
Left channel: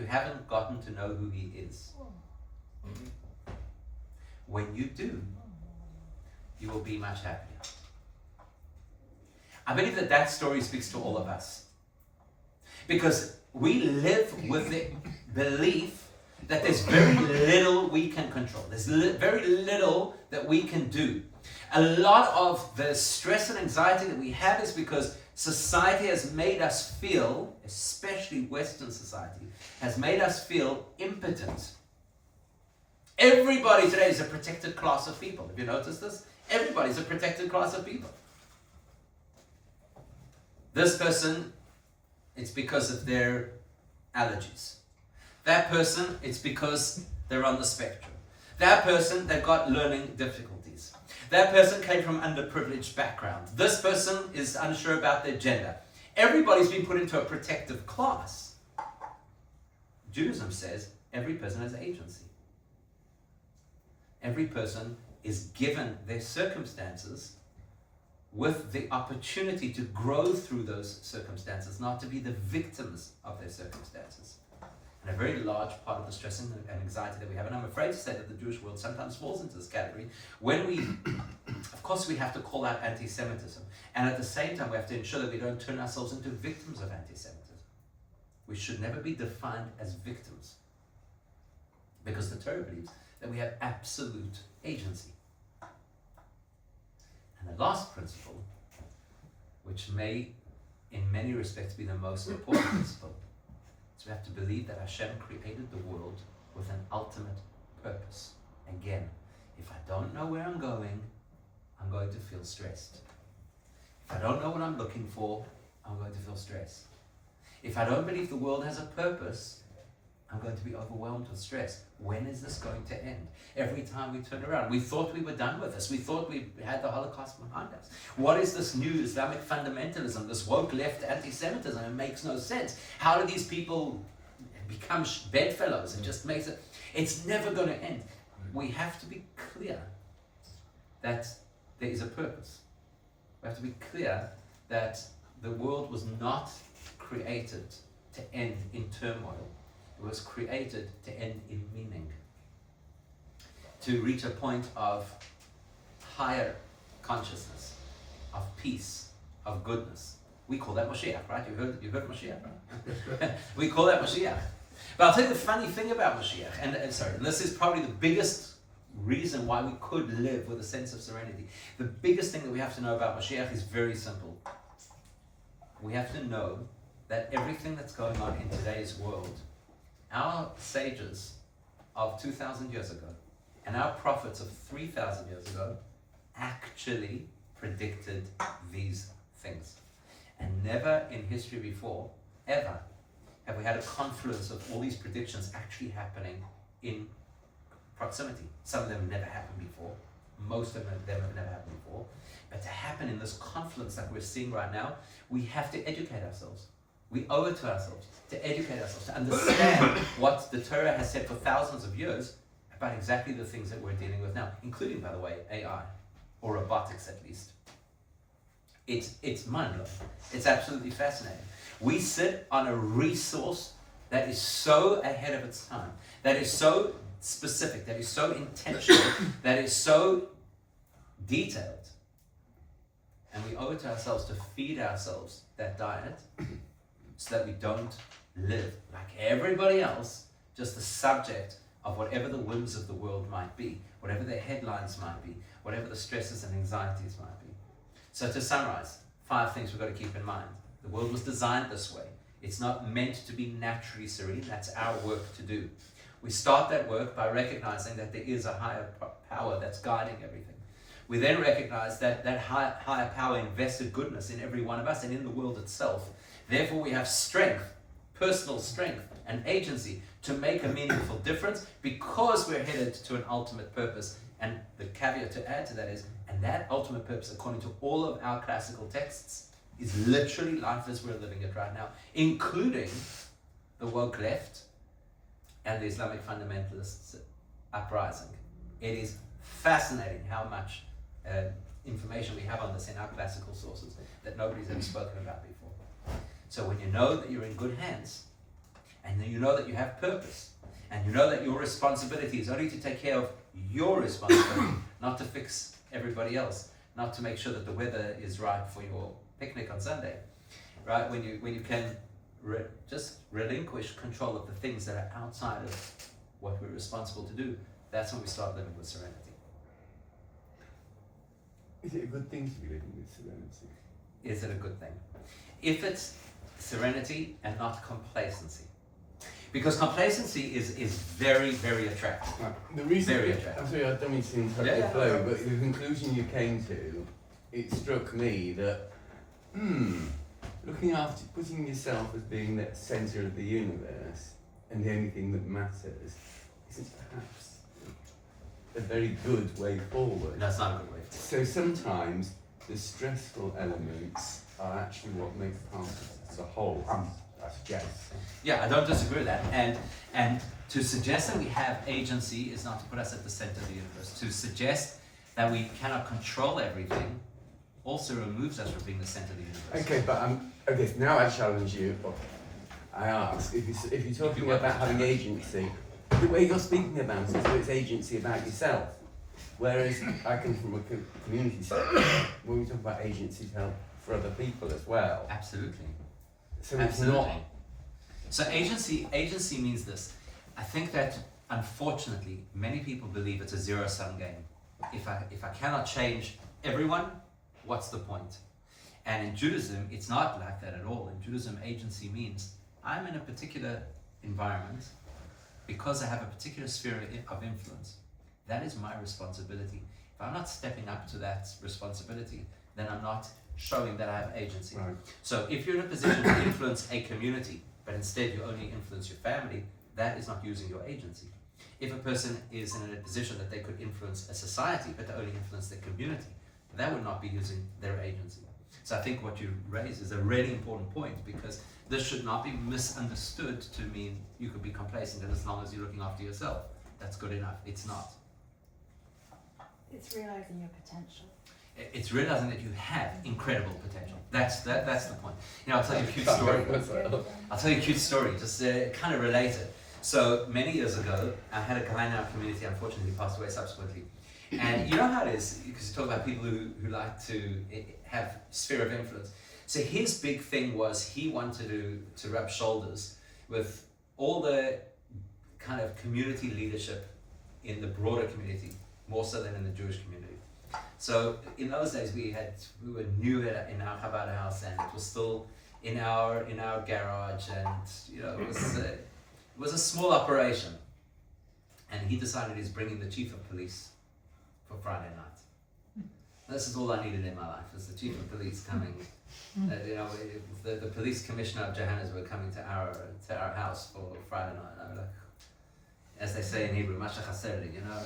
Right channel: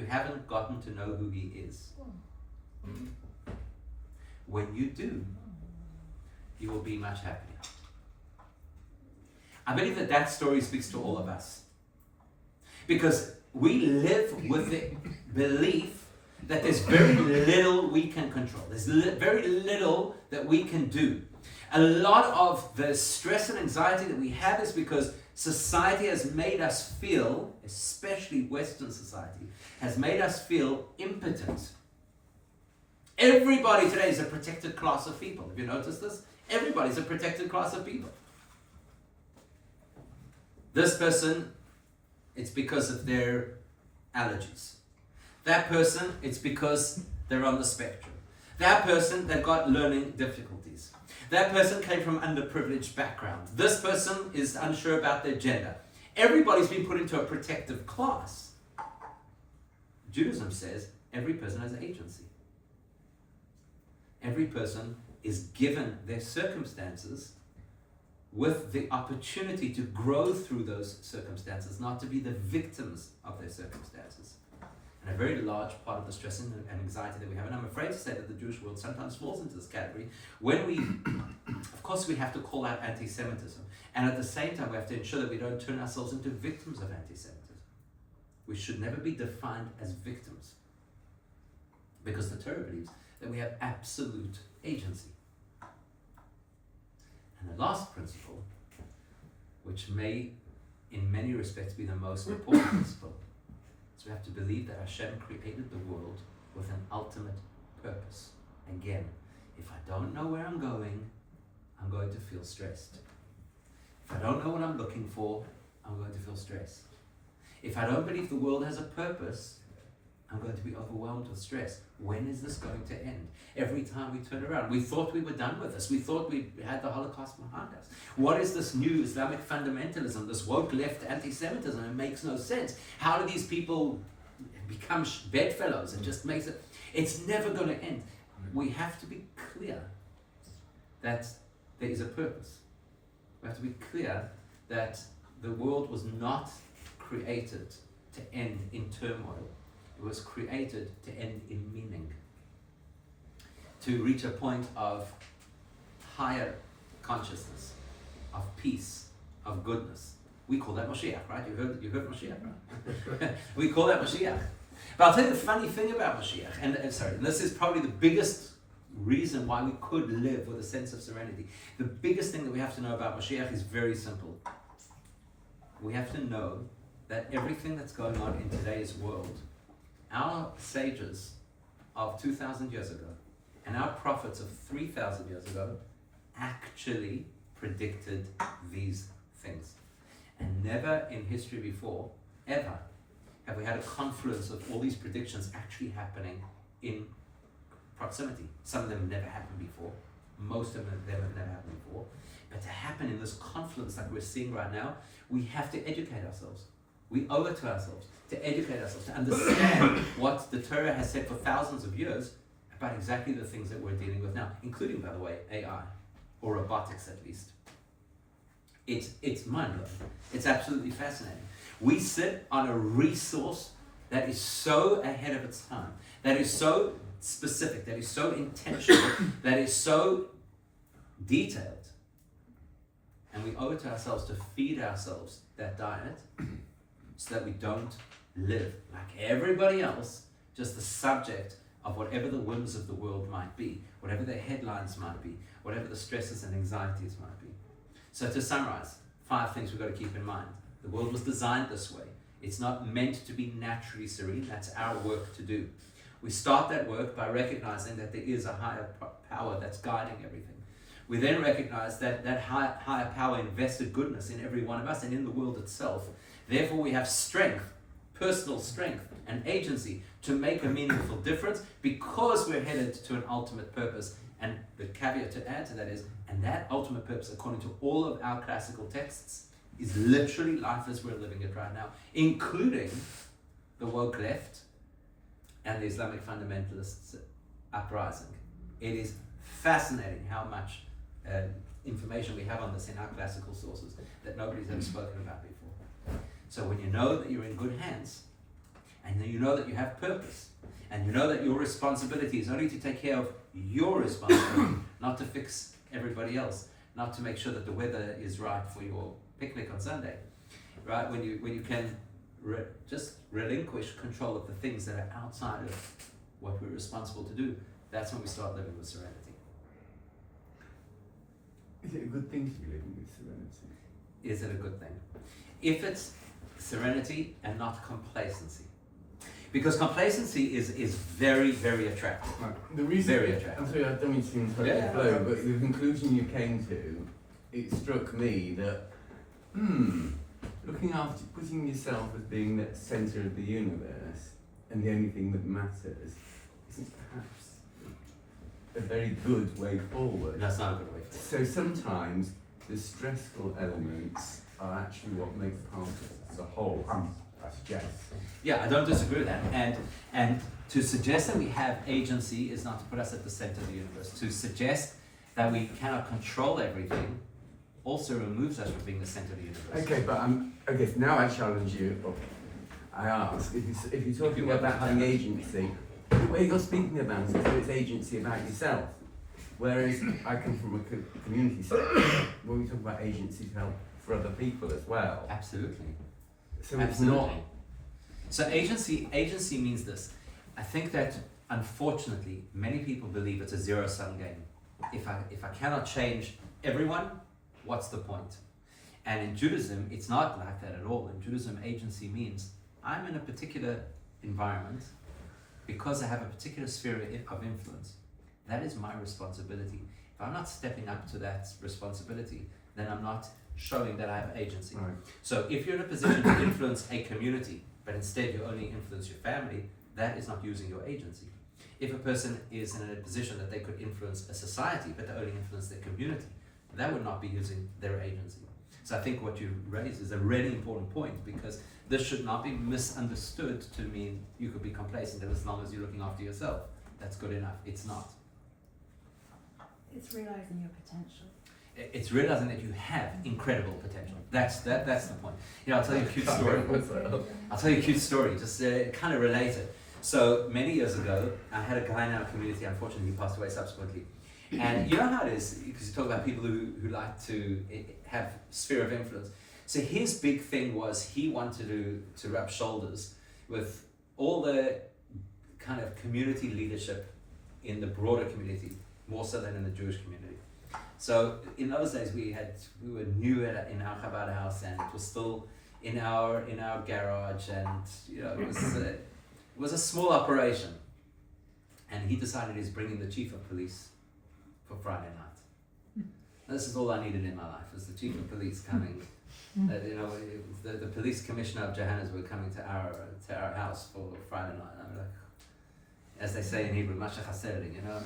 haven't gotten to know who he is. When you do, you will be much happier. I believe that story speaks to all of us. Because we live with the belief that there's very little we can control. There's very little that we can do. A lot of the stress and anxiety that we have is because society has made us feel, especially Western society, has made us feel impotent. Everybody today is a protected class of people. Have you noticed this? Everybody's a protected class of people. This person, it's because of their allergies. That person, it's because they're on the spectrum. That person, they've got learning difficulties. That person came from underprivileged background. This person is unsure about their gender. Everybody's been put into a protective class. Judaism says every person has agency. Every person is given their circumstances with the opportunity to grow through those circumstances, not to be the victims of their circumstances. And a very large part of the stress and anxiety that we have, and I'm afraid to say that the Jewish world sometimes falls into this category, when we, of course we have to call out anti-Semitism, and at the same time we have to ensure that we don't turn ourselves into victims of anti-Semitism. We should never be defined as victims, because the Torah believes that we have absolute agency. And the last principle, which may in many respects be the most important principle, is we have to believe that Hashem created the world with an ultimate purpose. Again, if I don't know where I'm going to feel stressed. If I don't know what I'm looking for, I'm going to feel stressed. If I don't believe the world has a purpose, I'm going to be overwhelmed with stress. When is this going to end? Every time we turn around, we thought we were done with this. We thought we had the Holocaust behind us. What is this new Islamic fundamentalism, this woke left anti-Semitism? It makes no sense. How do these people become bedfellows? It just makes it, it's never going to end. We have to be clear that there is a purpose. We have to be clear that the world was not created to end in turmoil. It was created to end in meaning, to reach a point of higher consciousness, of peace, of goodness. We call that Moshiach, right? You heard Moshiach, right? We call that Moshiach. But I'll tell you the funny thing about Moshiach, and this is probably the biggest reason why we could live with a sense of serenity. The biggest thing that we have to know about Moshiach is very simple. We have to know that everything that's going on in today's world, our sages of 2,000 years ago and our prophets of 3,000 years ago actually predicted these things. And never in history before, ever, have we had a confluence of all these predictions actually happening in proximity. Some of them never happened before. Most of them have never happened before. But to happen in this confluence like we're seeing right now, we have to educate ourselves. We owe it to ourselves to educate ourselves, to understand what the Torah has said for thousands of years about exactly the things that we're dealing with now, including, by the way, AI, or robotics at least. It's mind-blowing. It's absolutely fascinating. We sit on a resource that is so ahead of its time, that is so specific, that is so intentional, that is so detailed. And we owe it to ourselves to feed ourselves that diet so that we don't live like everybody else, just the subject of whatever the whims of the world might be, whatever the headlines might be, whatever the stresses and anxieties might be. So to summarize, 5 things we've got to keep in mind. The world was designed this way. It's not meant to be naturally serene. That's our work to do. We start that work by recognizing that there is a higher power that's guiding everything. We then recognize that that higher power invested goodness in every one of us and in the world itself. Therefore, we have strength, personal strength and agency to make a meaningful difference because we're headed to an ultimate purpose. And the caveat to add to that is, and that ultimate purpose, according to all of our classical texts, is literally life as we're living it right now, including the woke left and the Islamic fundamentalists uprising. It is fascinating how much information we have on this in our classical sources that nobody's ever spoken about before. So when you know that you're in good hands, and then you know that you have purpose, and you know that your responsibility is only to take care of your responsibility, not to fix everybody else, not to make sure that the weather is right for your picnic on Sunday, right? When you can just relinquish control of the things that are outside of what we're responsible to do, that's when we start living with serenity. Is it a good thing to be living with serenity? Is it a good thing? If it's serenity and not complacency. Because complacency is very, very attractive. Right. The reason, Very attractive. I'm sorry, I don't mean to interrupt Yeah. your flow, but the conclusion you came to, it struck me that, looking after, putting yourself as being the centre of the universe and the only thing that matters isn't perhaps a very good way forward. That's not a good way forward. So sometimes the stressful elements are actually what make part of it as a whole. I suggest. Yeah, I don't disagree with that. And to suggest that we have agency is not to put us at the center of the universe. To suggest that we cannot control everything also removes us from being the center of the universe. Okay, but okay, now I challenge you. Or I ask, if you're talking about having agency, the way you're speaking about it, so it's agency about yourself. Whereas I come from a community sector, where we talk about agency to help for other people as well. Absolutely. So Absolutely. it's not. So agency means this. I think that unfortunately many people believe it's a zero-sum game. If I cannot change everyone, what's the point? And in Judaism, it's not like that at all. In Judaism, agency means I'm in a particular environment because I have a particular sphere of influence. That is my responsibility. If I'm not stepping up to that responsibility, then I'm not showing that I have agency. Right. So if you're in a position to influence a community, but instead you only influence your family, that is not using your agency. If a person is in a position that they could influence a society, but they only influence their community, that would not be using their agency. So I think what you raise is a really important point, because this should not be misunderstood to mean you could be complacent and as long as you're looking after yourself, that's good enough. It's not. It's realizing your potential. It's realizing that you have incredible potential. That's the point. You know, I'll tell you a cute story. I'll tell you a cute story, just kind of related. So many years ago, I had a guy in our community. Unfortunately, he passed away subsequently. And you know how it is, because you talk about people who like to have sphere of influence. So his big thing was he wanted to rub shoulders with all the kind of community leadership in the broader community, more so than in the Jewish community. So in those days we were new in our Chabad house, and it was still in our garage, and you know it was a small operation. And he decided he's bringing the chief of police for Friday night. This is all I needed in my life, was the chief of police coming. You know, the police commissioner of Johannesburg coming to our house for Friday night. I was like, as they say in Hebrew, Masha Chaserli, you know,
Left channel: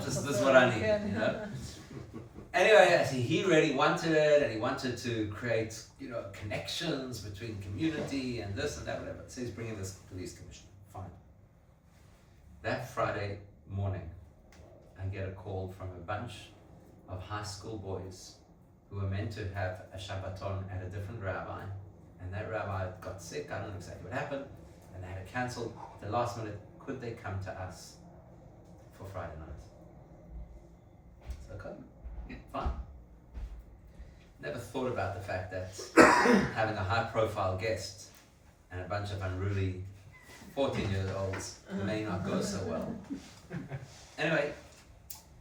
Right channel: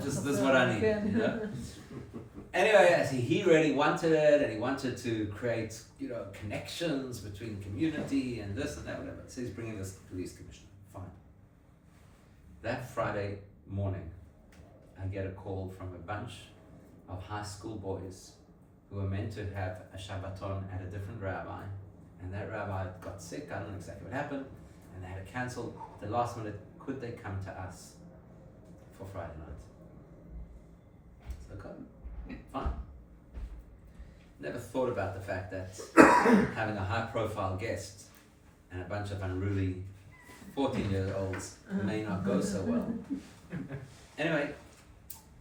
this is what I need, you know. Anyway, he really wanted it, and he wanted to create, you know, connections between community and this and that, whatever. So he's bringing this police commissioner. Fine. That Friday morning, I get a call from a bunch of high school boys who were meant to have a Shabbaton at a different rabbi, and that rabbi got sick. I don't know exactly what happened, and they had to cancel at the last minute. Could they come to us for Friday night? So okay, fine. Never thought about the fact that having a high-profile guest and a bunch of unruly 14-year-olds may not go so well. Anyway,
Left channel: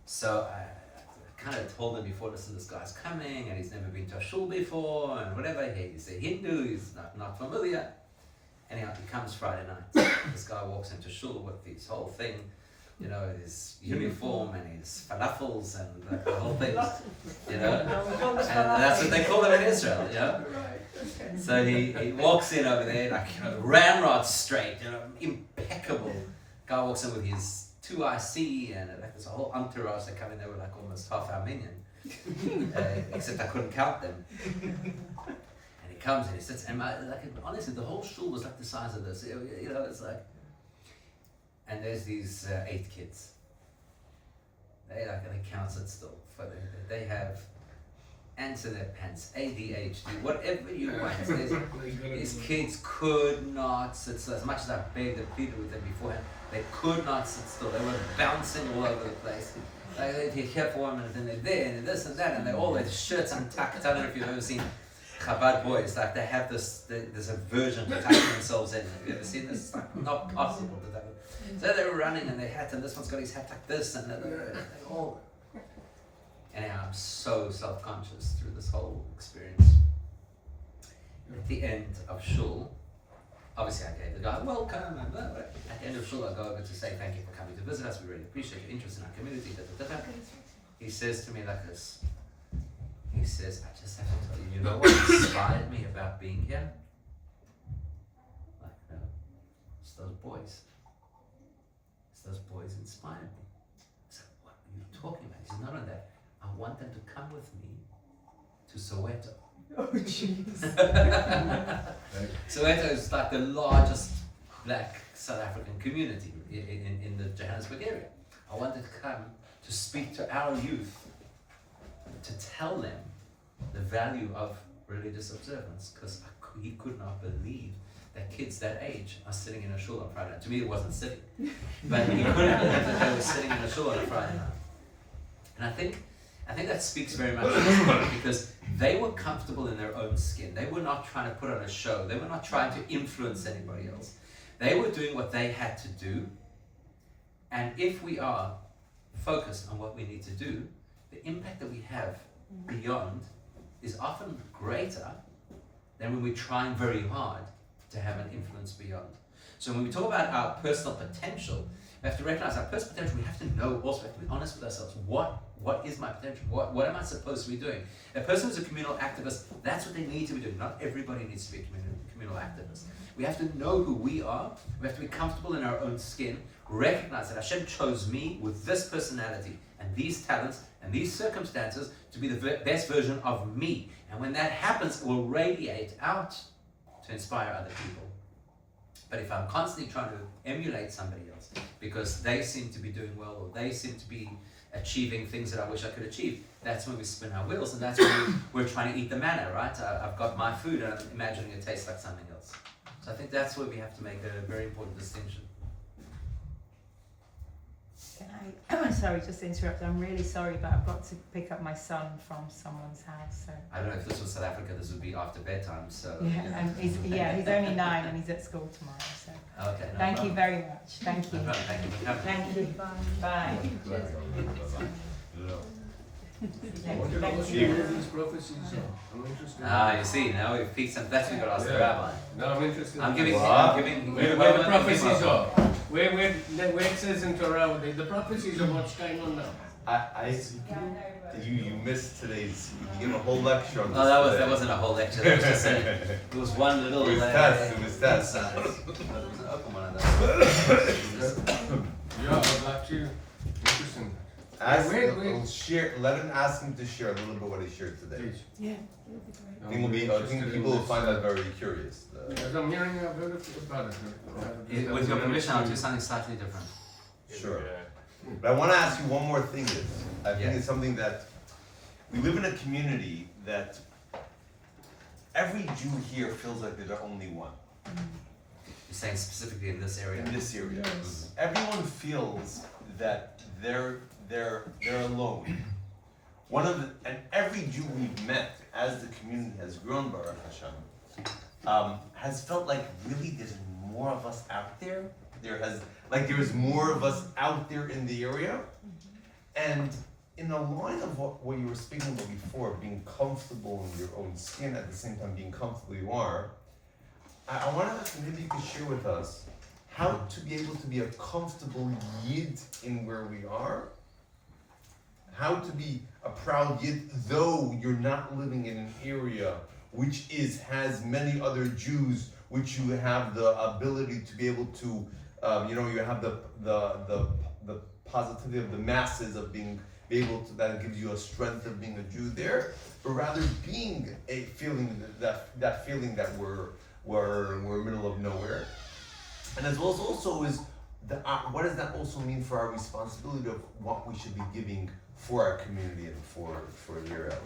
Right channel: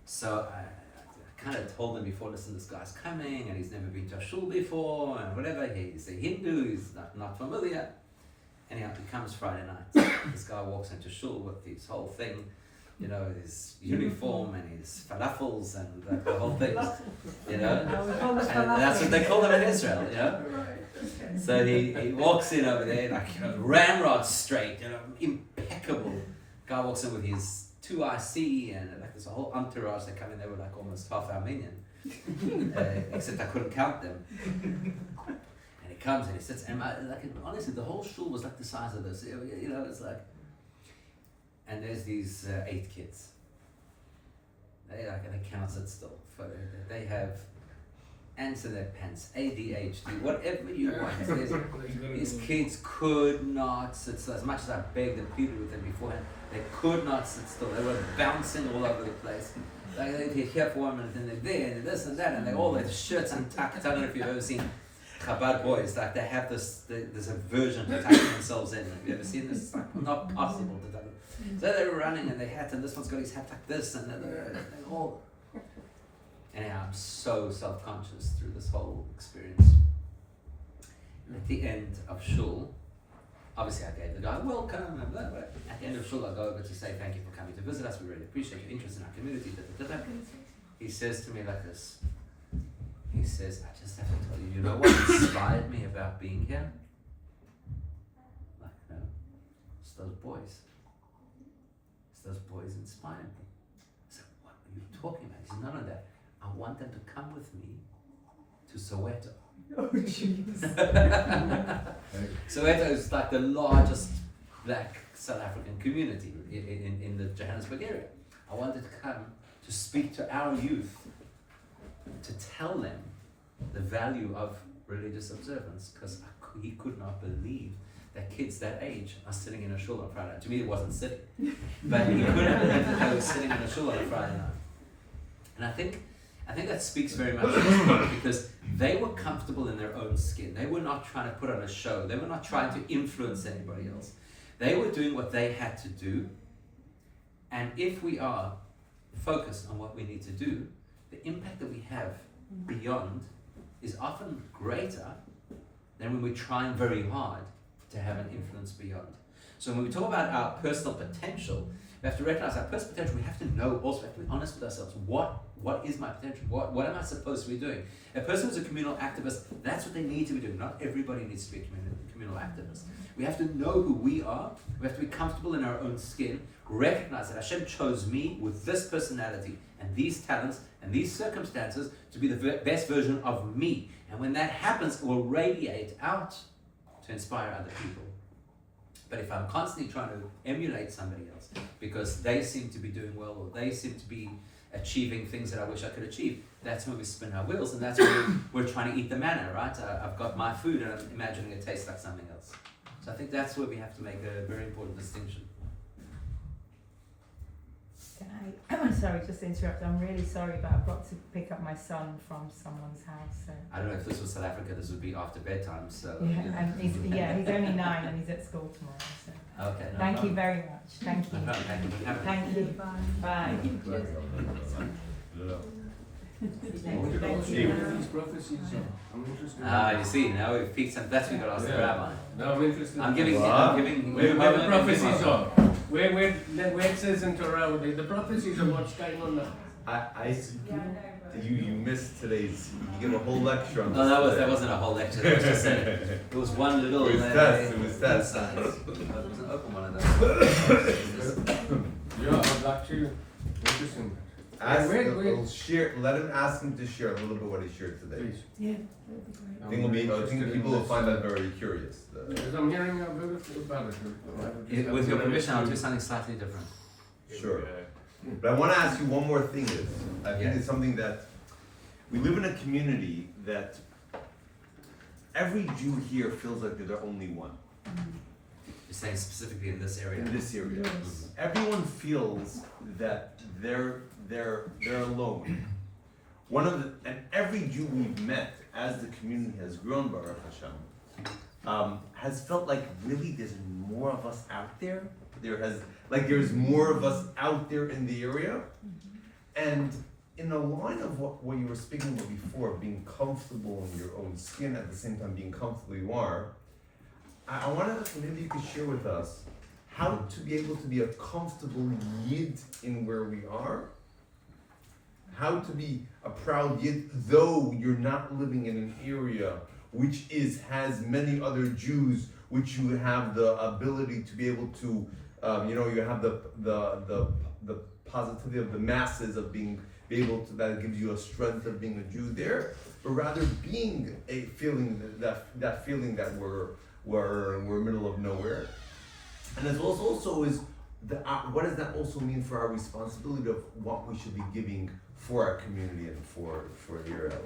so I kind of told them before, listen, this guy's coming, and he's never been to a shul before, and whatever. He's a Hindu, he's not familiar. Anyhow, he comes Friday night. This guy walks into shul with his whole thing, you know, his uniform and his falafels and the whole thing, you know. And that's what they call them in Israel, you know. So he walks in over there, like, you know, ramrod straight, you know, impeccable. Guy walks in with his 2 IC, and like there's a whole entourage. They come in, they were like almost half Armenian, except I couldn't count them. Comes and he sits, and honestly, the whole shul was like the size of this. You know, it's like, and there's these 8 kids. They can't sit still. They have ants in their pants, ADHD, whatever you want. These kids could not sit still. As much as I begged and pleaded with them beforehand, they could not sit still. They were bouncing all over the place. Like they'd get here for a minute, and they're there, and this and that, and they all had shirts untucked. I don't know if you've ever seen Chabad boys, like they have this aversion to tucking themselves in. Have you ever seen this? It's like not possible to tuck it. So they were running, and they hat, and this one's got his hat like this, and they all. Anyhow, I'm so self-conscious through this whole experience. And at the end of shul, obviously I gave the guy welcome and blah, blah. At the end of shul, I go over to say thank you for coming to visit us. We really appreciate your interest in our community. Da, da, da, da. He says to me like this. He says, I just have to tell you, you know what inspired me about being here? Like, no, it's those boys. It's those boys inspired me. I said, what are you talking about? He said, not on that. I want them to come with me to Soweto. Oh, jeez. Soweto is like the largest black South African community in the Johannesburg area. I wanted to come to speak to our youth, to tell them the value of religious observance, because he could not believe that kids that age are sitting in a shul on Friday night. To me, it wasn't sitting, but he couldn't believe that they were sitting in a shul on a Friday night. And I think that speaks very much to this, because they were comfortable in their own skin. They were not trying to put on a show. They were not trying to influence anybody else. They were doing what they had to do. And if we are focused on what we need to do, the impact that we have beyond is often greater than when we're trying very hard to have an influence beyond. So when we talk about our personal potential, we have to recognize our personal potential. We have to know, also we have to be honest with ourselves. What is my potential? What am I supposed to be doing? A person who's a communal activist, that's what they need to be doing. Not everybody needs to be a communal activist. We have to know who we are. We have to be comfortable in our own skin. Recognize that Hashem chose me with this personality and these talents and these circumstances to be the best version of me. And when that happens, it will radiate out to inspire other people. But if I'm constantly trying to emulate somebody else because they seem to be doing well, or they seem to be achieving things that I wish I could achieve, that's when we spin our wheels, and that's when we're trying to eat the manna, right? I've got my food and I'm imagining it tastes like something else. So I think that's where we have to make a very important distinction. I'm sorry, just to interrupt. I'm really sorry, but I've got to pick up my son from someone's house. So. I don't know if this was South Africa, this would be after bedtime, so... Yeah, and he's only 9 and he's at school tomorrow, so... Okay, no Thank problem. you very much. Thank you. No problem, thank you for coming. Thank you. Bye. I want to know where these prophecies are. I'm interested. You see, now we've piqued some... That's what we got to ask the rabbi. No, I'm interested. I'm giving... Where the prophecies are. Where it says in Torah, the prophecies of what's going on now. You missed today's. You gave a whole lecture on this. No, that wasn't a whole lecture. That was just it was one little. It was tests. It was an open one of those. Yeah, I'd like to. Interesting. Let him ask him to share a little bit what he shared today. Please. Yeah, that would be great. I think it'll be interesting. People will find that very curious. Because I'm hearing about it. With your permission, I'll do something slightly different. Sure. But I want to ask you one more thing. I think it's something that we live in a community that every Jew here feels like they're the only one. You're saying specifically in this area? In this area. Yes. Everyone feels that they're alone. And every Jew we've met as the community has grown, Baruch Hashem, has felt like really there's more of us out there. There's more of us out there in the area. And in the line of what you were speaking about before, being comfortable in your own skin, at the same time being comfortable you are, I wanted us to maybe you could share with us how to be able to be a comfortable Yid in where we are, how to be a proud Yid, though you're not living in an area which has many other Jews, which you have the ability to be able to, you have the positivity of the masses of being able to, that gives you a strength of being a Jew there, but rather being a feeling that feeling that we're middle of nowhere. And as well as also is what does that also mean for our responsibility of what we should be giving for our community and for your lives?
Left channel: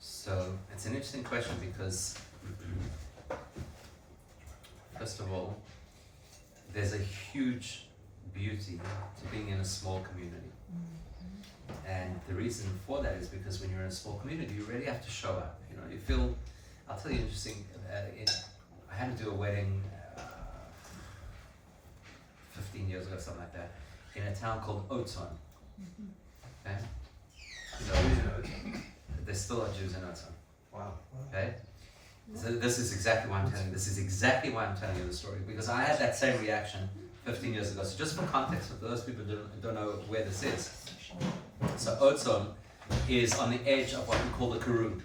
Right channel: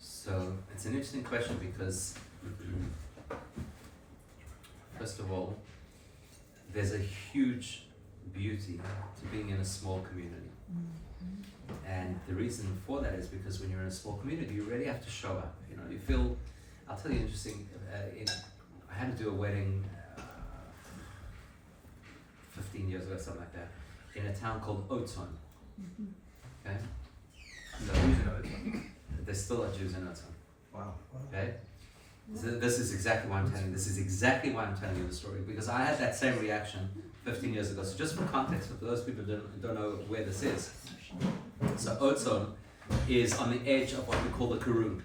So it's an interesting question because, first of all, there's a huge beauty to being in a small community. And the reason for that is because when you're in a small community, you really have to show up. You know, you feel. I'll tell you interesting. I had to do a wedding 15 years ago, something like that, in a town called Otzon. Okay. So there still are Jews in Otzon. Wow. Okay. So this is exactly why I'm telling you. This is exactly why I'm telling you the story, because I had that same reaction 15 years ago. So just for context, for those people who don't know where this is. So Otzon is on the edge of what we call the Karun,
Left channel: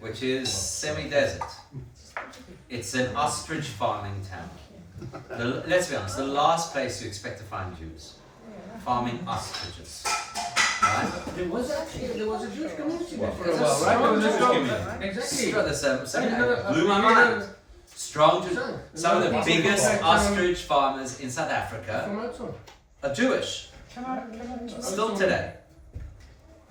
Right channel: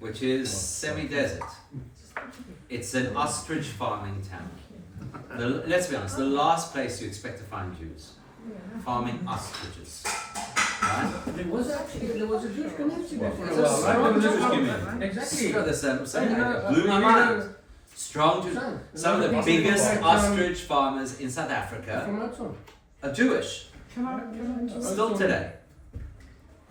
which is semi-desert. It's an ostrich farming town. Let's be honest, the last place you expect to find Jews, farming ostriches. Right? There was a Jewish community there for a It's a while, right? strong There was a Jewish strong- community. Exactly. Sure, there's some Yeah, blew my yeah. mind. Strong Jews. Some of the biggest ostrich farmers in South Africa From Otzon. are Jewish, Come on. still today.